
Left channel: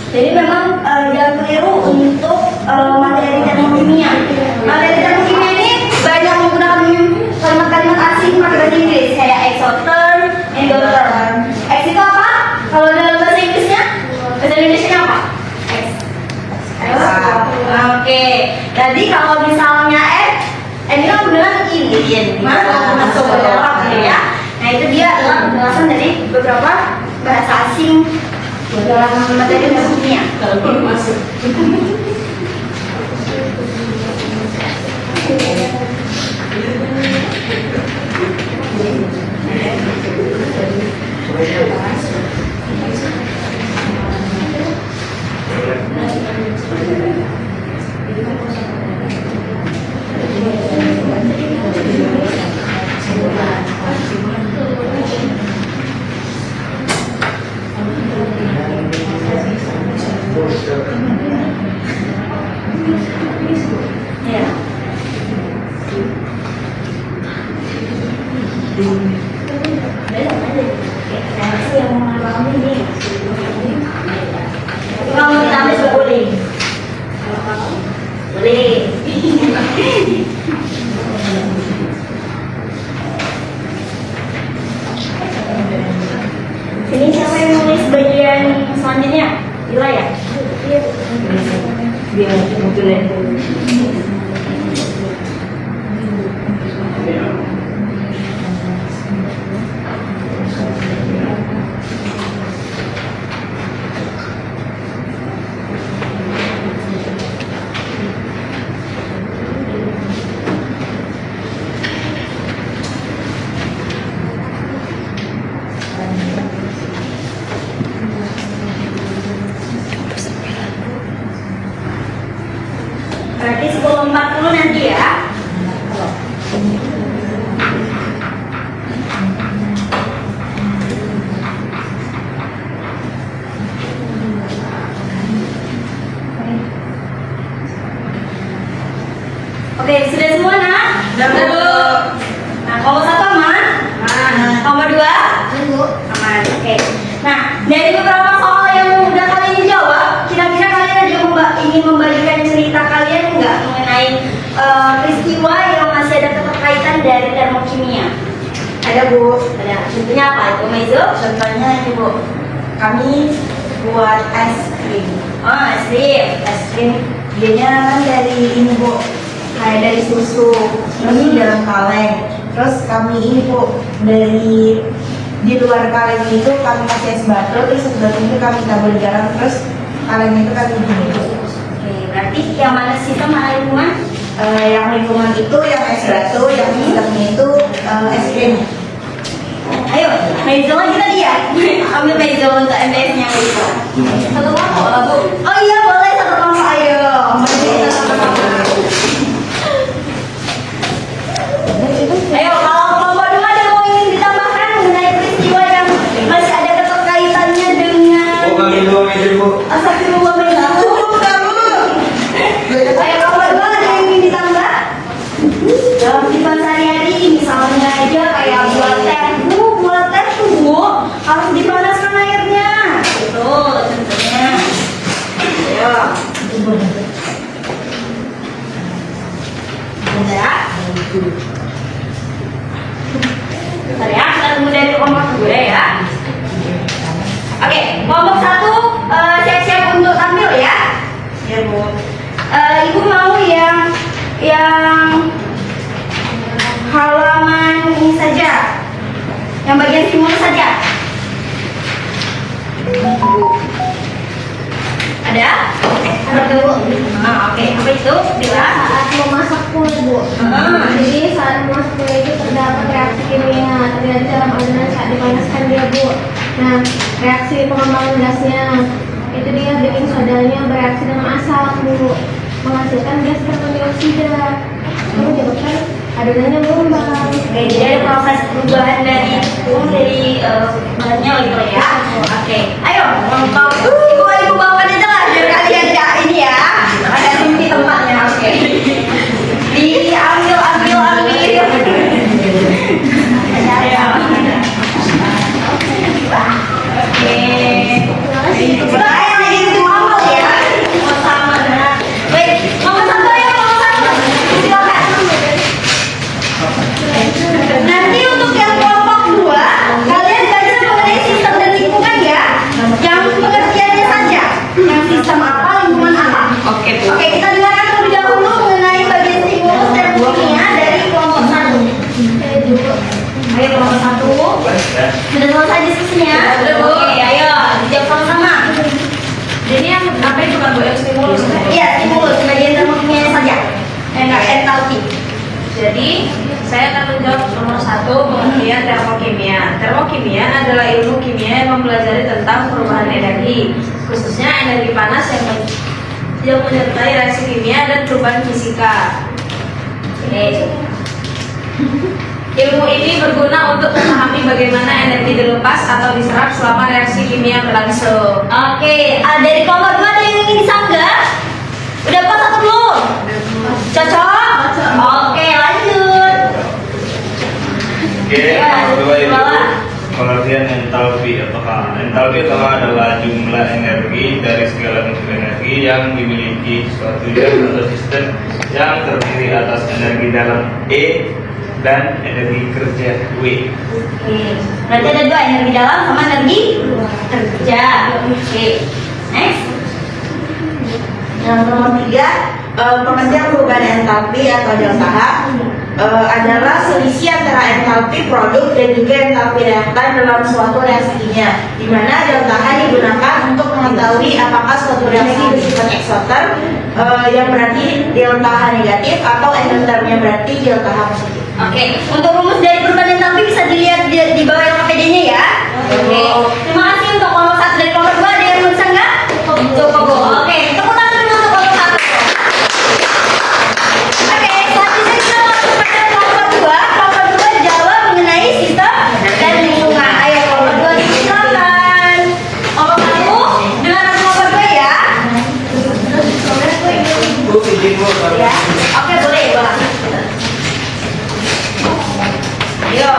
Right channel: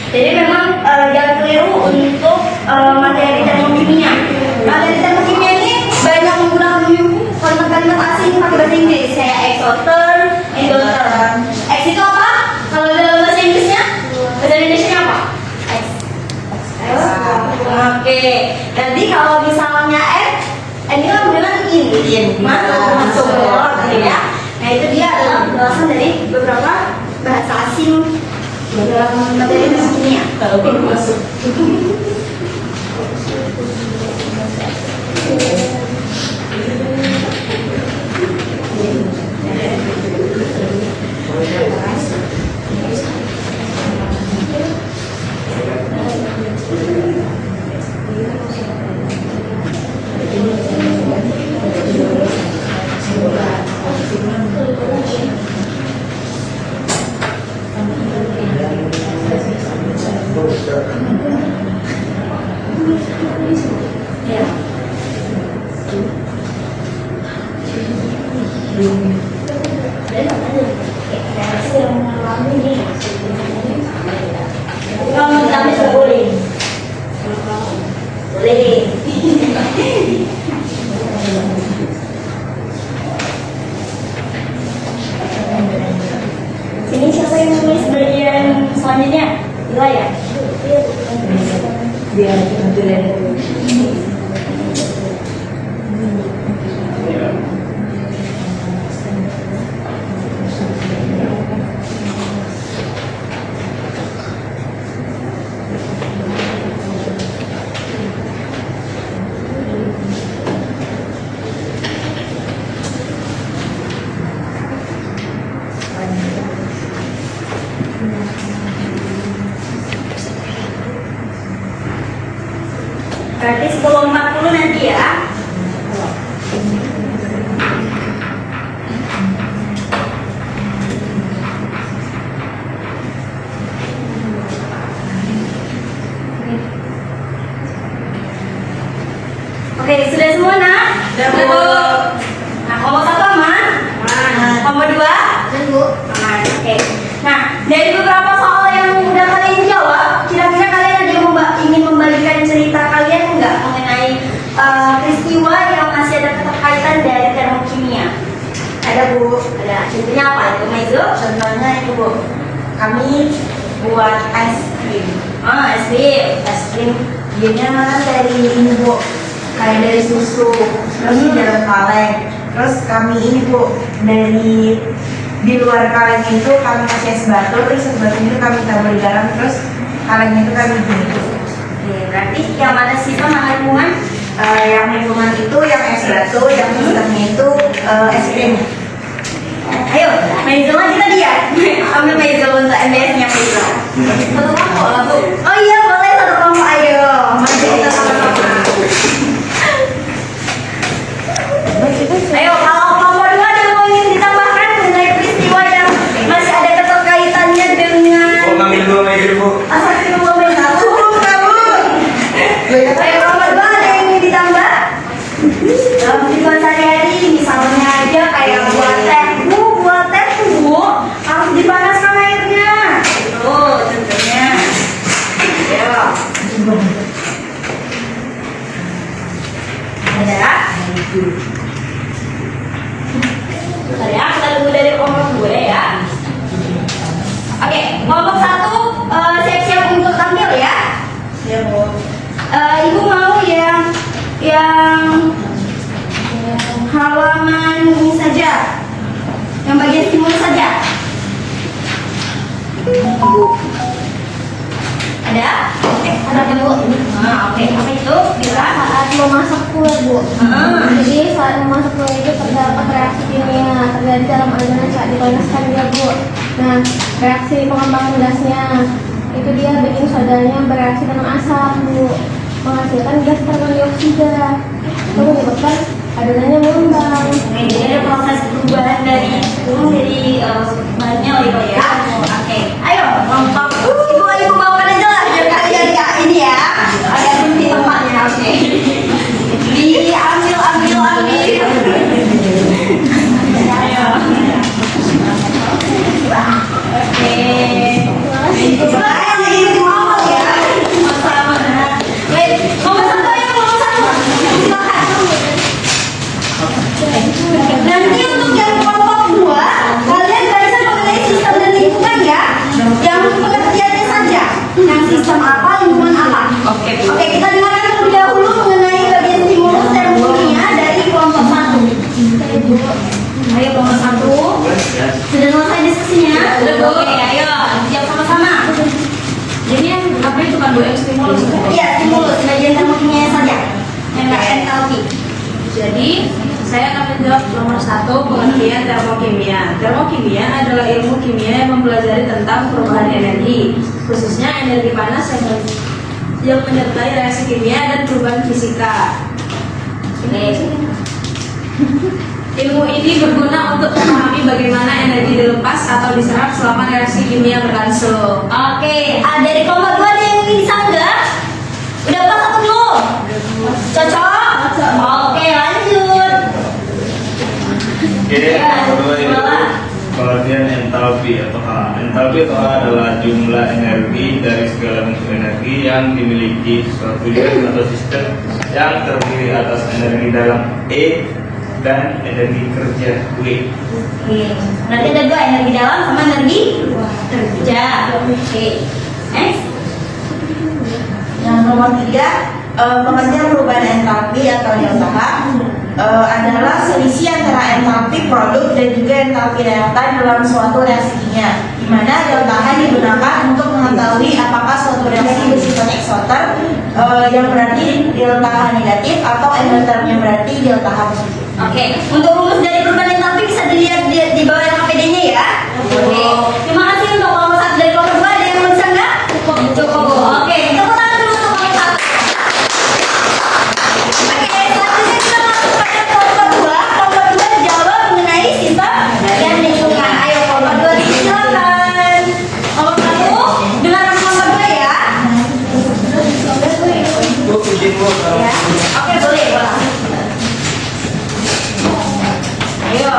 Jadi memang jangan keliru untuk materi termokimia. Materi termokimia ini banyak menggunakan kalimat-kalimat asing pakai bahasa Inggris kayak exoterm, endotherm. X itu apa? Kalau dalam bahasa Inggrisnya, bahasa Indonesia apa? X. Oke. Nanti kalau misalnya ini kan dengan in, mana masuk ke dalam ya. Nah itu dia adalah penjelasan dari beberapa bahasa asing dalam materi termokimia. Kalau belum masuk. Ya. Yang mengalami ini. Kalau ditambah juga boleh. Boleh. Ini siapa yang nulis bagian selanjutnya? Ila ya? Biar kebetulan. Berarti 10.40 nanti ya. Oke, sudah semua nak? Sudah. Nah, kalau satu aman? Kalau dua? Aman. Oke. Nah, dari beberapa soal yang udah kalian jawab, kira-kira kalian ada ingin membagikan cerita kalian nggak mengenai peristiwa yang masih ada keterkaitan dari termokimia? Ada Bu. Ada. Contohnya apa itu, Maizo? Contohnya ini Bu, kami buat es krim. Oh, es krim. Es krim dianya kan dari ini Bu, kayak dari susu, terus di dalam kaleng. Terus kami ini Bu, dari di luar kaleng itu kami kasih es batu, terus es batu itu kami tabur garam, terus kaleng itu kami gini. Oke, berarti yang mana sistem mana lingkungan? Yang lingkungan itu yang es batu, yang sistemnya itu es krim. Ayo, Maizo kita lihat. Ambil Maizo untuk MBS-nya Maizo. Satu kelompok lah Bu. Oh iya boleh satu kelompok. Ayo, mari kita sama-sama. Ayo, kalau kelompok dua ada mau ingin ditambahkan mengenai peristiwa yang masih ada keterkaitannya dengan ngambil dua meja Bu. asal kelompok Maizo. Ayo, kelompok dua ada yang ingin ditambah? Dalam kehidupan sehari-hari, misalnya aja kayak buat teh Bu, harus dipanaskan airnya. Tuh, contohnya. Ya. Ada? Bentar ya, kita tunggu dari kelompok gue ya. Oke, kelompok satu siap-siap untuk tampil ya. Ya Bu. Ibu mau yang halaman ini saja, yang bagian timur saja. Ada? Ada Bu. Nah, oke. Apa itu? Bila Saat memasak kue Bu. Jadi saat memasak kue itu terdapat reaksi kimia terjadi dalam adonan saat dipanaskan dia Bu. Nah, reaksi pengembangan gasnya itu dia bikin sodanya bereaksi dengan asam Bu, menghasilkan gas karbon dioksida. Itu menyebabkan adonannya mengembang. Oke, jadi ada proses perubahan dari bahannya gitu ya. Oke, ayo kelompok ibu bawakan aja lah dari sistem apa, lingkungan apa. Oke. Oke, kita dengarkan terlebih dahulu mengenai bagian stimulus termokimia dari kelompok 1. Ayo kelompok 1. Sudah selesai diskusinya? Sudah, Bu. Oke, ayo dijawab sama-sama. Jadi yang apa itu kan Bu, yang stimulus? Iya, stimulus bagian termokimia saja. Enggak entalpi. Jadi saya akan menjawab nomor 1, pengertian termokimia. Termokimia adalah ilmu kimia yang mempelajari tentang perubahan energi, khususnya energi panas yang menyertai reaksi kimia dan perubahan fisika. Ilmu ini berguna untuk memahami bagaimana energi dilepas atau diserap selama reaksi kimia berlangsung. Oke, dari kelompok 2 ada yang ingin disanggah? Udah pas atau belum? Cocok? Oke, lanjut. Oke, yang kedua itu pengertian entalpi adalah jumlah energi dari segala bentuk energi yang dimiliki suatu unit atau sistem yang terdiri atas energi dalam E dan energi kerja W. Oke, berarti ada 2, energi dalam sama energi kerja. Oke, next. Yang nomor 3, pengertian perubahan entalpi atau delta H adalah selisih antara entalpi produk dan juga entalpi reaktan dalam suatu reaksi kimia, di mana delta H digunakan untuk mengetahui apakah suatu reaksi bersifat eksoter yang berarti delta H negatif atau endotermnya berarti delta H positif. Oke, untuk rumus dari perubahan entalpi bisa dilihat di bawah LKPD-nya ya. Oke, terima kasih untuk kelompok 1 dari kelompok 2. Ada yang bisa nggak? Cukup. Oke, tepuk tangan dulu untuk kelompok 1. Oke, selanjutnya kita langsung pada kelompok 2. Kelompok 2 jawab mengenai sistem dan lingkungan. Ayo kelompok 2 silakan. Kelompok 1 dengarkan kelompok 2 ya. Bu, izin Bu, Ya. Oke, boleh. Ayo,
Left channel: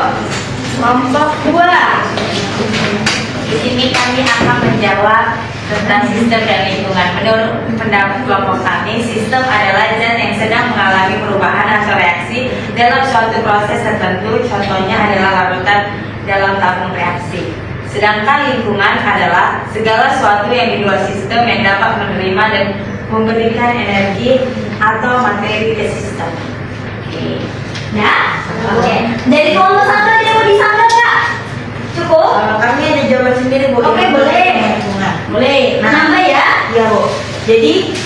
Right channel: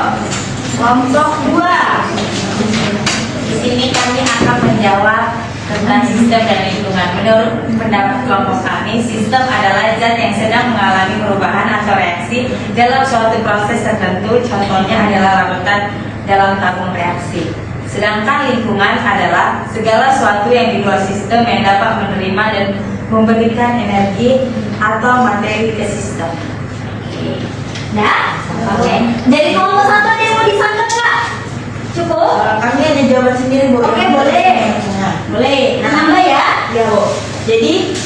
kelompok 2. Di sini kami akan menjawab tentang sistem dan lingkungan. Menurut pendapat kelompok kami, sistem adalah zat yang sedang mengalami perubahan atau reaksi dalam suatu proses tertentu. Contohnya adalah larutan dalam tabung reaksi. Sedangkan lingkungan adalah segala sesuatu yang di luar sistem yang dapat menerima dan memberikan energi atau materi ke sistem. Oke. Nah, oke. Dari kelompok 1 ada yang mau disanggah nggak? Cukup? Kami ada jawaban sendiri Bu. Oke, boleh. Boleh. Nambah ya? Ya Bu. Jadi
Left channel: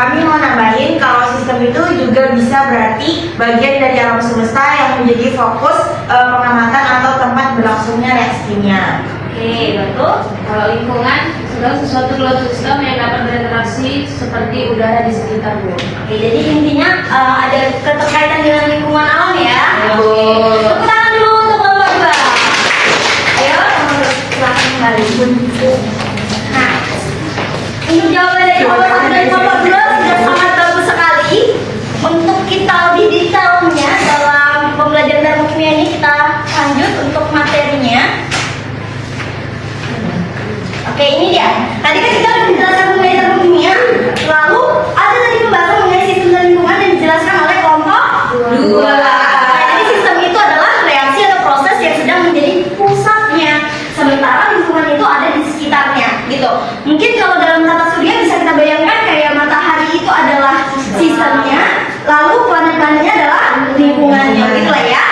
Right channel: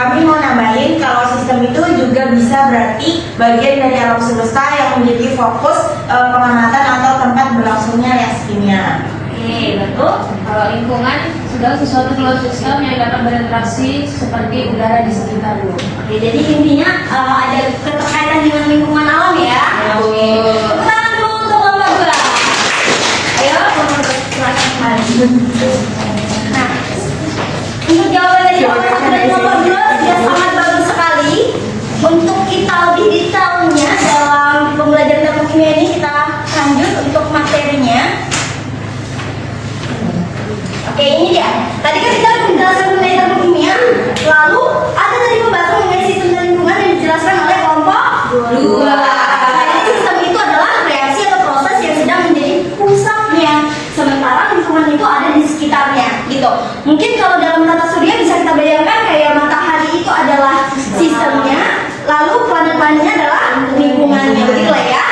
kami mau nambahin kalau sistem itu juga bisa berarti bagian dari alam semesta yang menjadi fokus pengamatan atau tempat berlangsungnya reaksi kimia. Oke, betul. Kalau lingkungan, segala sesuatu dalam sistem yang dapat berinteraksi seperti udara di sekitar Bu. Oke, jadi intinya ada keterkaitan dengan lingkungan alam ya. Oke. Tepuk tangan dulu untuk kelompok 2. Ayo, kelompok 2 silakan kembali. Nah, untuk jawaban dari kelompok 1 dan kelompok 2 sudah sangat bagus sekali. Untuk kita lebih detailnya dalam pembelajaran termokimia ini, kita lanjut untuk materinya. Oke, ini dia. Tadi kan kita udah menjelaskan mengenai termokimia. Lalu ada tadi pembahasan mengenai sistem dan lingkungan yang dijelaskan oleh kelompok 2. Jadi sistem itu adalah reaksi atau proses yang sedang menjadi pusatnya, sementara lingkungan itu ada di sekitarnya, gitu. Mungkin kalau dalam tata surya bisa kita bayangkan kayak matahari itu adalah sistemnya, lalu planet-planetnya adalah lingkungannya, gitu lah ya.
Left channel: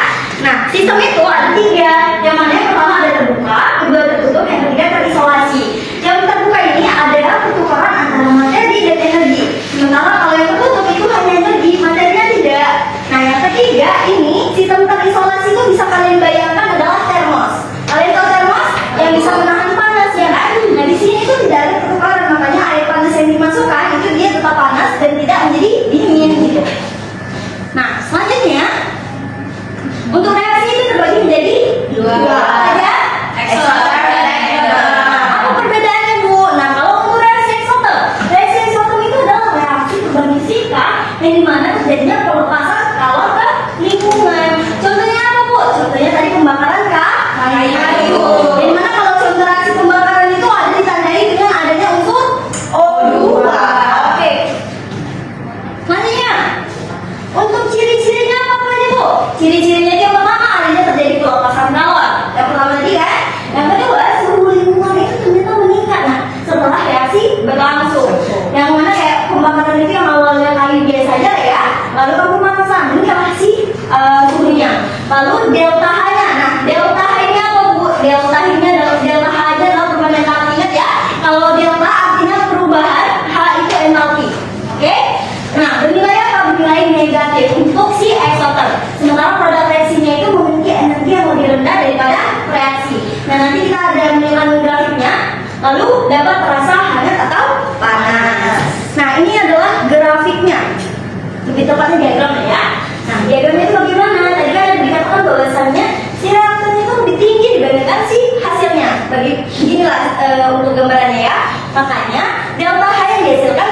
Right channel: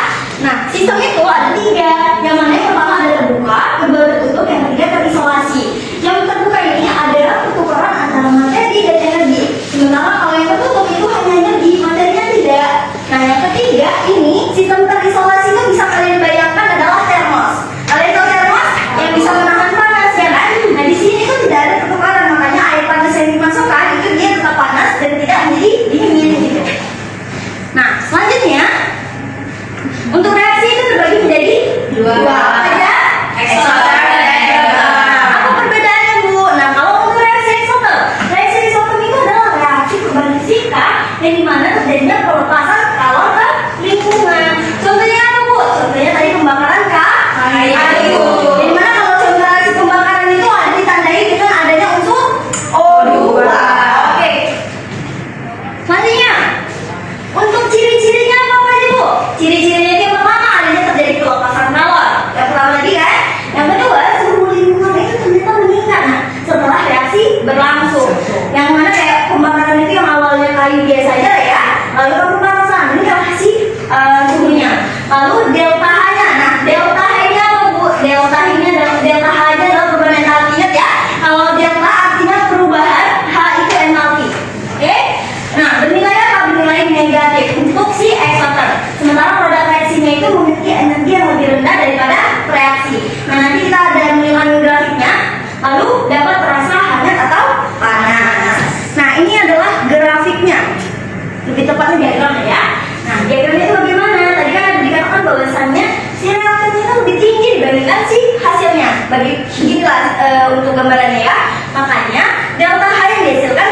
Nah, sistem itu ada 3, yang mana yang pertama ada terbuka, kedua tertutup, yang ketiga terisolasi. Yang terbuka ini adalah pertukaran antara materi dan energi. Sementara kalau yang tertutup itu hanya energi, materinya tidak. Nah, yang ketiga ini sistem terisolasi itu bisa kalian bayangkan adalah termos. Kalian tahu termos yang bisa menahan panas ya kan? Nah, di sini itu tidak ada pertukaran, makanya air panas yang dimasukkan itu dia tetap panas dan tidak menjadi dingin gitu. Nah, selanjutnya untuk reaksi itu terbagi menjadi 2. Apa aja? Eksoter dan endoter. Apa perbedaannya Bu? Nah, kalau untuk reaksi eksoter itu adalah reaksi perubahan fisika yang dimana terjadinya pelepasan kalor ke lingkungan. Contohnya apa Bu? Contohnya tadi pembakaran kayu. Di mana kalau contoh reaksi pembakaran itu ada ditandai dengan adanya unsur O2. Oke. Selanjutnya, untuk ciri-cirinya apa aja Bu? Ciri-cirinya yang pertama adanya terjadi pelepasan kalor. Yang pertama tadi kan. Yang kedua, suhu lingkungan itu ternyata meningkat. Nah, setelah reaksi berlangsung. Nah, nanti kita ada menunjukkan grafiknya, lalu dapat terasa hangat atau panas. Nah, ini adalah grafiknya. Lebih tepatnya diagramnya ya. Nah, diagramnya itu bagaimana? Tadi kan dikatakan bahwasannya si reaktannya itu lebih tinggi dibandingkan si hasilnya. Beginilah untuk gambarannya ya. Makanya delta H yang dihasilkan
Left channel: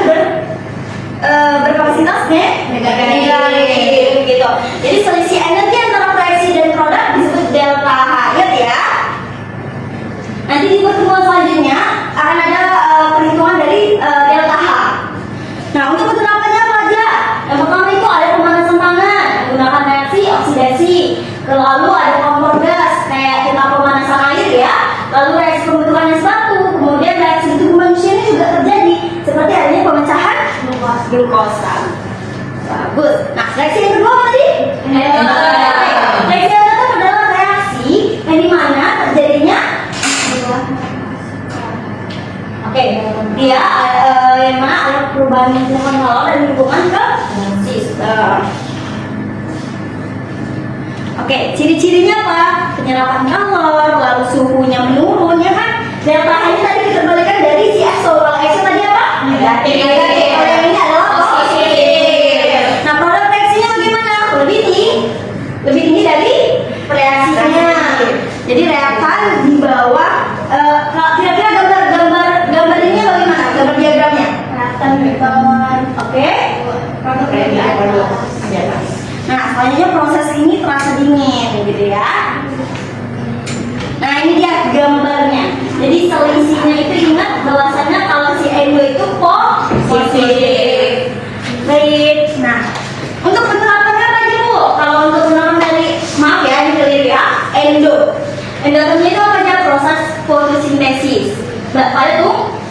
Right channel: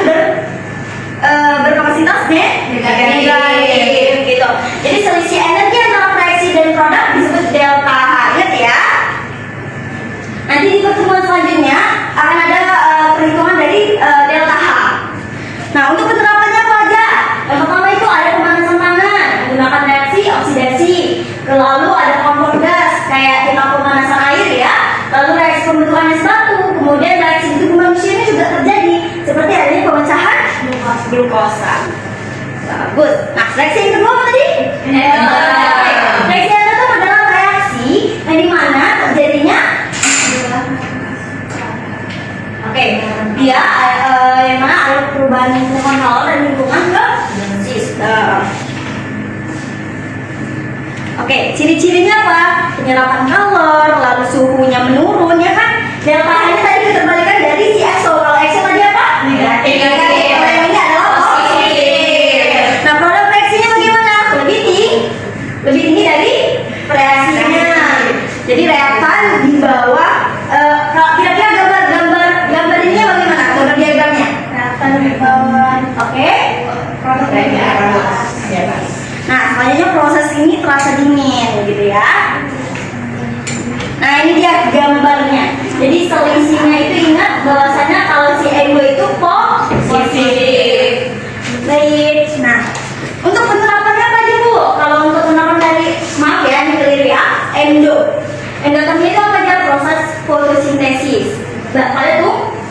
berkapasitas negatif gitu. Jadi selisih energi antara reaksi dan produk disebut delta H. Ingat ya. Nanti di pertemuan selanjutnya akan ada perhitungan dari delta H. Nah, untuk penerapannya apa aja? Yang pertama itu ada pemanasan tangan menggunakan reaksi oksidasi. Lalu ada kompor gas kayak kita pemanasan air ya. Lalu reaksi pembentukan es batu. Kemudian reaksi di tubuh manusia ini juga terjadi seperti adanya pemecahan glukosa. Bagus. Nah, reaksi yang kedua apa tadi? Reaksi yang kedua adalah reaksi yang dimana terjadinya dia yang mana ada perubahan lingkungan kalor dan lingkungan ke sistem. Ciri-cirinya apa? Penyerapan kalor, lalu suhunya menurun, ya kan? Delta H-nya tadi dikembalikan dari si EXO. Kalau EXO tadi apa? Negatif. Kalau yang ini adalah positif. Nah, pada reaksinya bagaimana? Lebih tinggi dari reaksinya. Jadi reaktan di bawah. Kira-kira gambar ininya bagaimana? Gambar diagramnya? Reaktan di bawah. Oke. Nah, selanjutnya proses ini terasa dingin, gitu ya. Nah, ini dia gambarnya. Jadi selisihnya itu ingat bahwasanya kalau si endo itu positif. Baik. Nah, untuk penerapannya apa aja Bu? Kalau untuk penerapan tadi, maaf ya, ini clear ya. Endotermia itu apa aja? Proses fotosintesis. Pada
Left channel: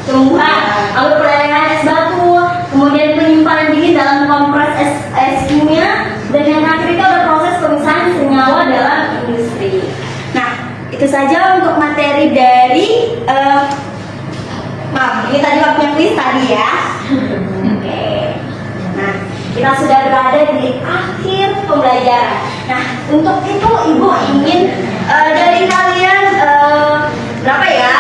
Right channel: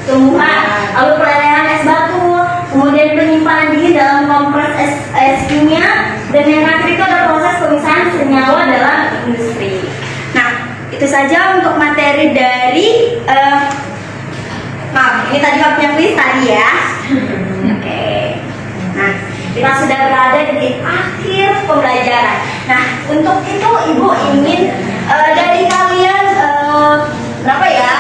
tumbuhan, lalu pelelehan es batu, kemudian penyimpanan dingin dalam kompres es kimia, dan yang terakhir itu ada proses pemisahan senyawa dalam industri. Nah, itu saja untuk materi dari maaf, ini tadi waktunya kuis tadi ya. Oke. Nah, kita sudah berada di akhir pembelajaran. Nah, untuk itu Ibu ingin dari kalian berapa ya?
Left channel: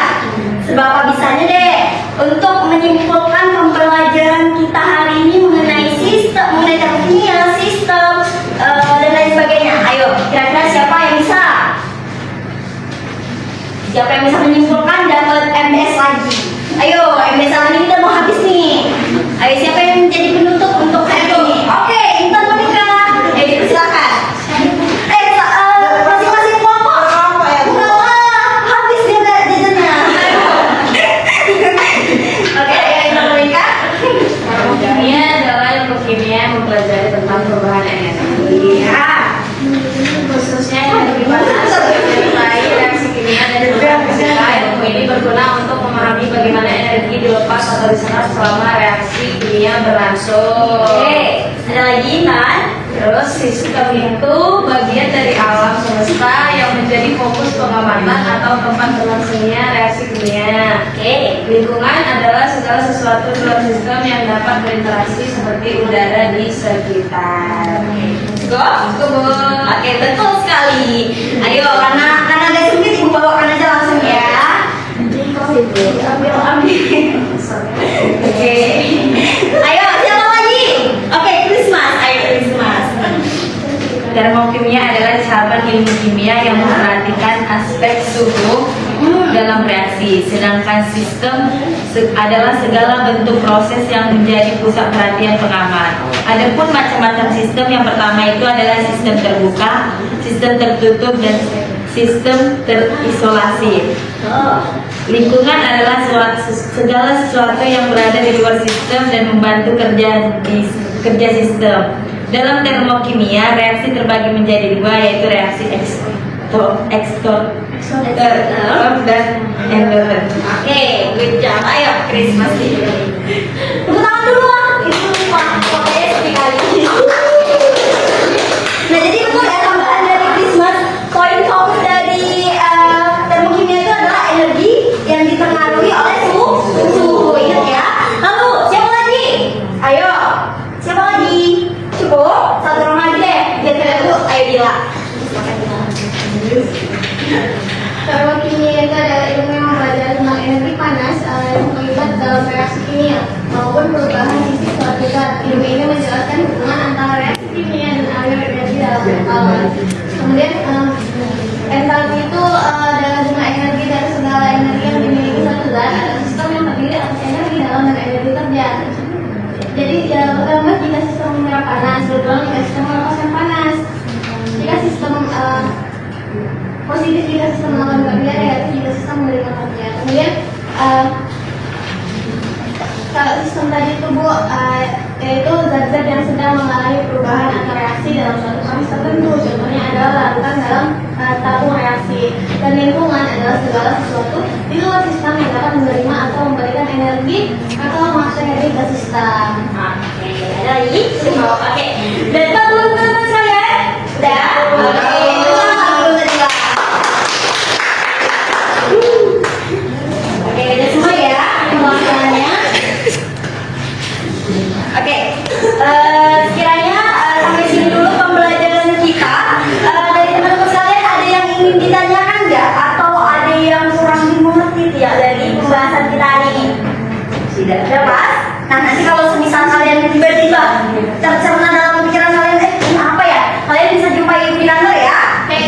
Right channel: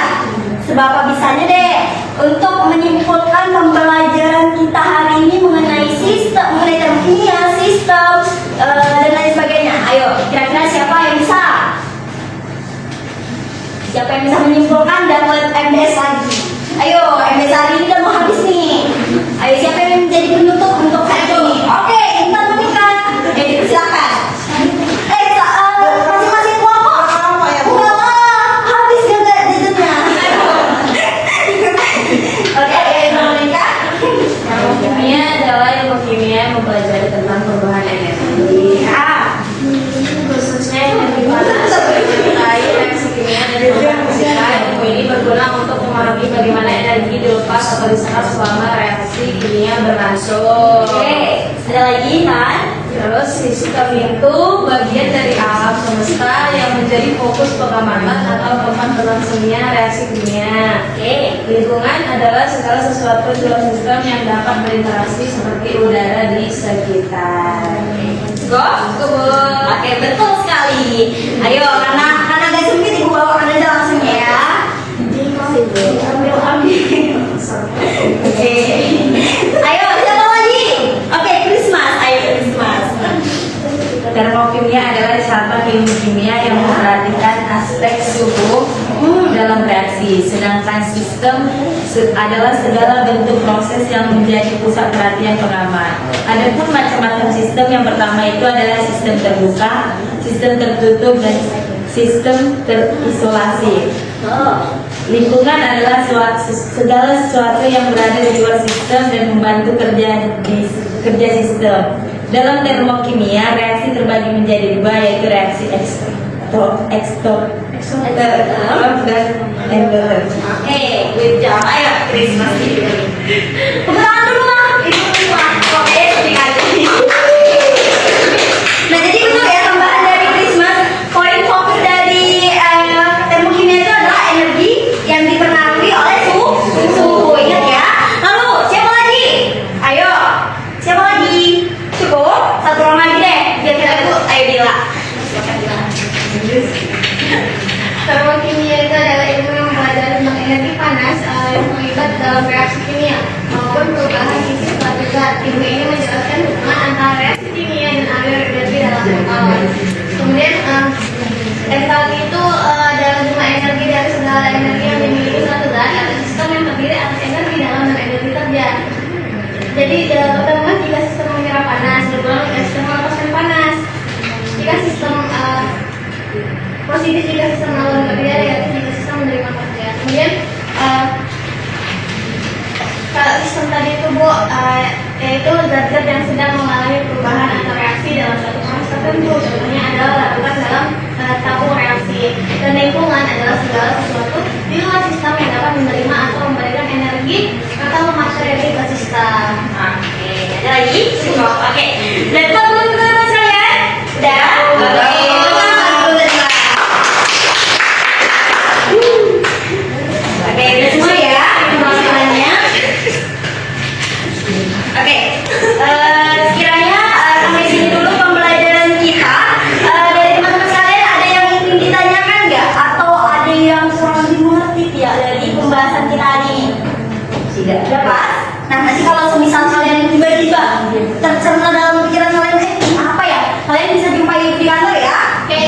Seberapa bisanya deh untuk menyimpulkan pembelajaran kita hari ini mengenai termokimia, sistem dan lain sebagainya. Ayo, kira-kira siapa yang bisa? Siapa yang bisa menyimpulkan dapat MBS lagi? Ayo, MBS hari ini udah mau habis nih. Ayo, siapa yang menjadi penutup untuk hari ini? Oke, Intan Monika. Silakan. Masing-masing kelompok. Enggak lah, habis jajannya. Oke, Intan Monika. Termokimia adalah ilmu kimia yang mempelajari tentang perubahan energi. Khususnya energi panas menyertai reaksi kimia dan perubahan fisika. Ilmu ini berguna untuk memahami bagaimana energi dilepas atau diserap selama reaksi kimia berlangsung. Oke, ada lagi kan? Terus sistem itu bagian dari alam semesta yang menjadi fokus pengamatan atau tempat berlangsungnya reaksi kimia. Oke. Lingkungan adalah segala sesuatu di luar sistem yang dapat berinteraksi seperti udara di sekitar. Go. Oke, betul sekali. Ayo, karena agak sempit Ibu bawakan aja langsung ya. Ambil. Oke. Ayo, siapa lagi? Oke, Christmas. Ayo, Christmas. Termokimia adalah cabang ilmu kimia yang memperhatikan aspek suhu dalam reaksi, sedangkan sistem adalah segala bentuk proses yang menjadi pusat perhatian pengamat. Adapun macam-macam sistem, yang pertama itu adalah sistem terbuka, sistem tertutup, dan sistem terisolasi. Lingkungan adalah segala sesuatu yang berada di luar sistem dan membantu kerja sistem. Dalam termokimia, reaksi terbagi menjadi dua, yaitu reaksi eksternal dan endoterm. Oke, good job. Ayo, Christmas. Tepuk tangan dulu lah. Itu semua. Oke, sekali. Nah, jadi betul ya tambahan dari Christmas. Poin fokus dari termokimia itu adalah energi yang dipengaruhi oleh suhu. Ingat ya. Lalu, siapa lagi? Ayo, siapa lagi? Cukup? Satu orang lagi deh. Biar kita tuh, ayo Dila. Silakan Dila. Termokimia itu adalah ilmu yang mempelajari tentang energi panas yang terlibat dalam reaksi kimia maupun perubahan fisik suatu zat. Ilmu ini menjelaskan hubungan antara reaksi kimia dan aliran energi dalam skala. Kemudian entalpi itu adalah jumlah energi dari segala energi yang dimiliki suatu zat atau sistem yang terdiri atas energi dalam dan energi terjadi. Jadi dalam pertama jika sistem menyerap panas, berulang jika sistem melepaskan panas. Jika sistem positif jika sistem melakukan kerja, negatif jika sistem menerima kerja. Kemudian kalau sistem tadi itu Bu, yaitu zat-zat yang sedang mengalami perubahan atau reaksi dalam suatu proses tertentu. Contohnya adalah larutan dalam tabung reaksi. Dan lingkungan adalah segala sesuatu di luar sistem yang dapat menerima atau memberikan energi atau materi ke sistem. Oke, ada lagi? Oke. Dan teman-teman saya udah. Oke. Oke, udah semua ya teman-temannya. Oke, sekiranya sampai sini dulu pembelajaran kita. Dari teman-teman sekalian ada yang ingin ditanyakan nggak? Atau ada yang kurang dimengerti tidak dari pembahasan kita hari ini? Tidak dapat. Nah, nanti kalau semisal kalian tiba-tiba tercerna dalam pikiran kalian, ini apa ya? Kalian bisa jumpai di kantor ya. Oke.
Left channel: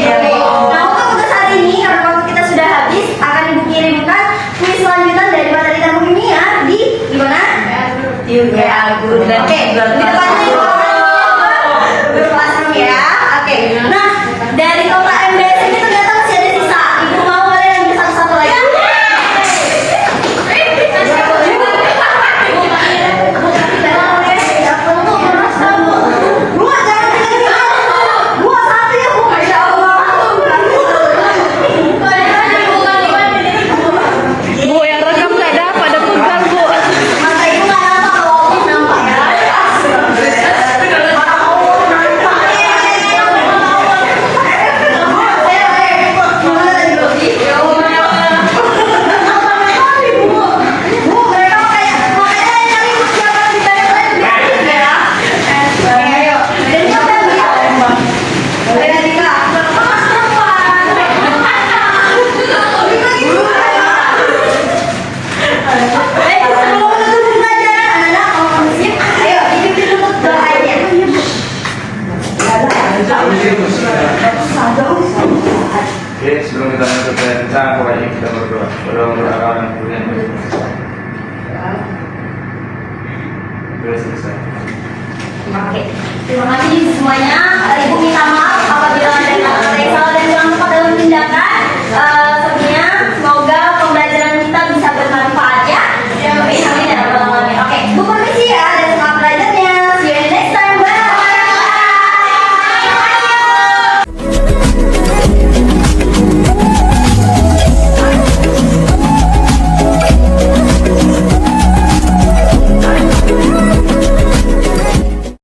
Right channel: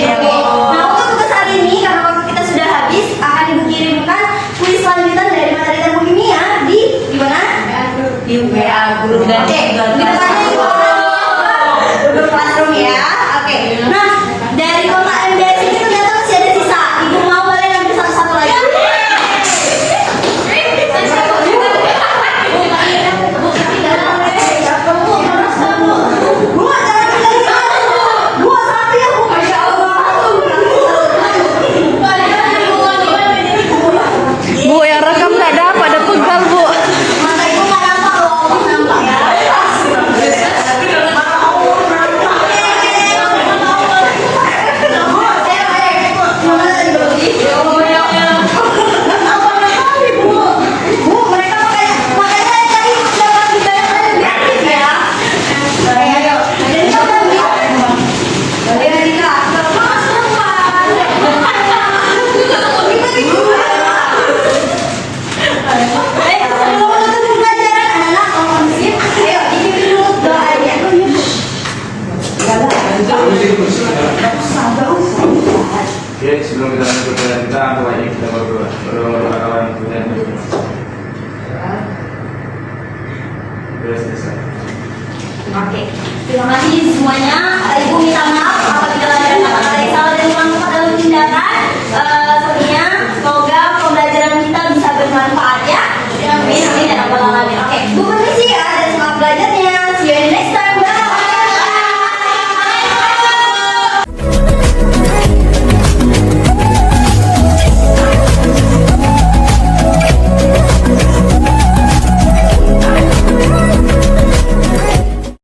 Nah, untuk tugas saat ini karena waktu kita sudah habis, akan ibu kirimkan kuis lanjutan dari materi termokimia di mana? Di WA guru. Oke. Di depannya ibu Google Classroom ya. Oke. Nah, dari kota MBS ini ternyata masih ada sisa. Ibu mau kalian ambil satu-satu lagi? Bu, yang rekam nggak dapat, ada pegal Bu. Mata ibu nggak nampak loh, nampak ya. Mata kamu nampak. Oke, sebelum kita menutup pelajaran kita, pokoknya kita berdoa kawan Tuhan. Sudah selesai. Oke, terima kasih semuanya. Ibu minta maaf apabila ada kata-kata yang salah dan kurang tepat dalam tindakan.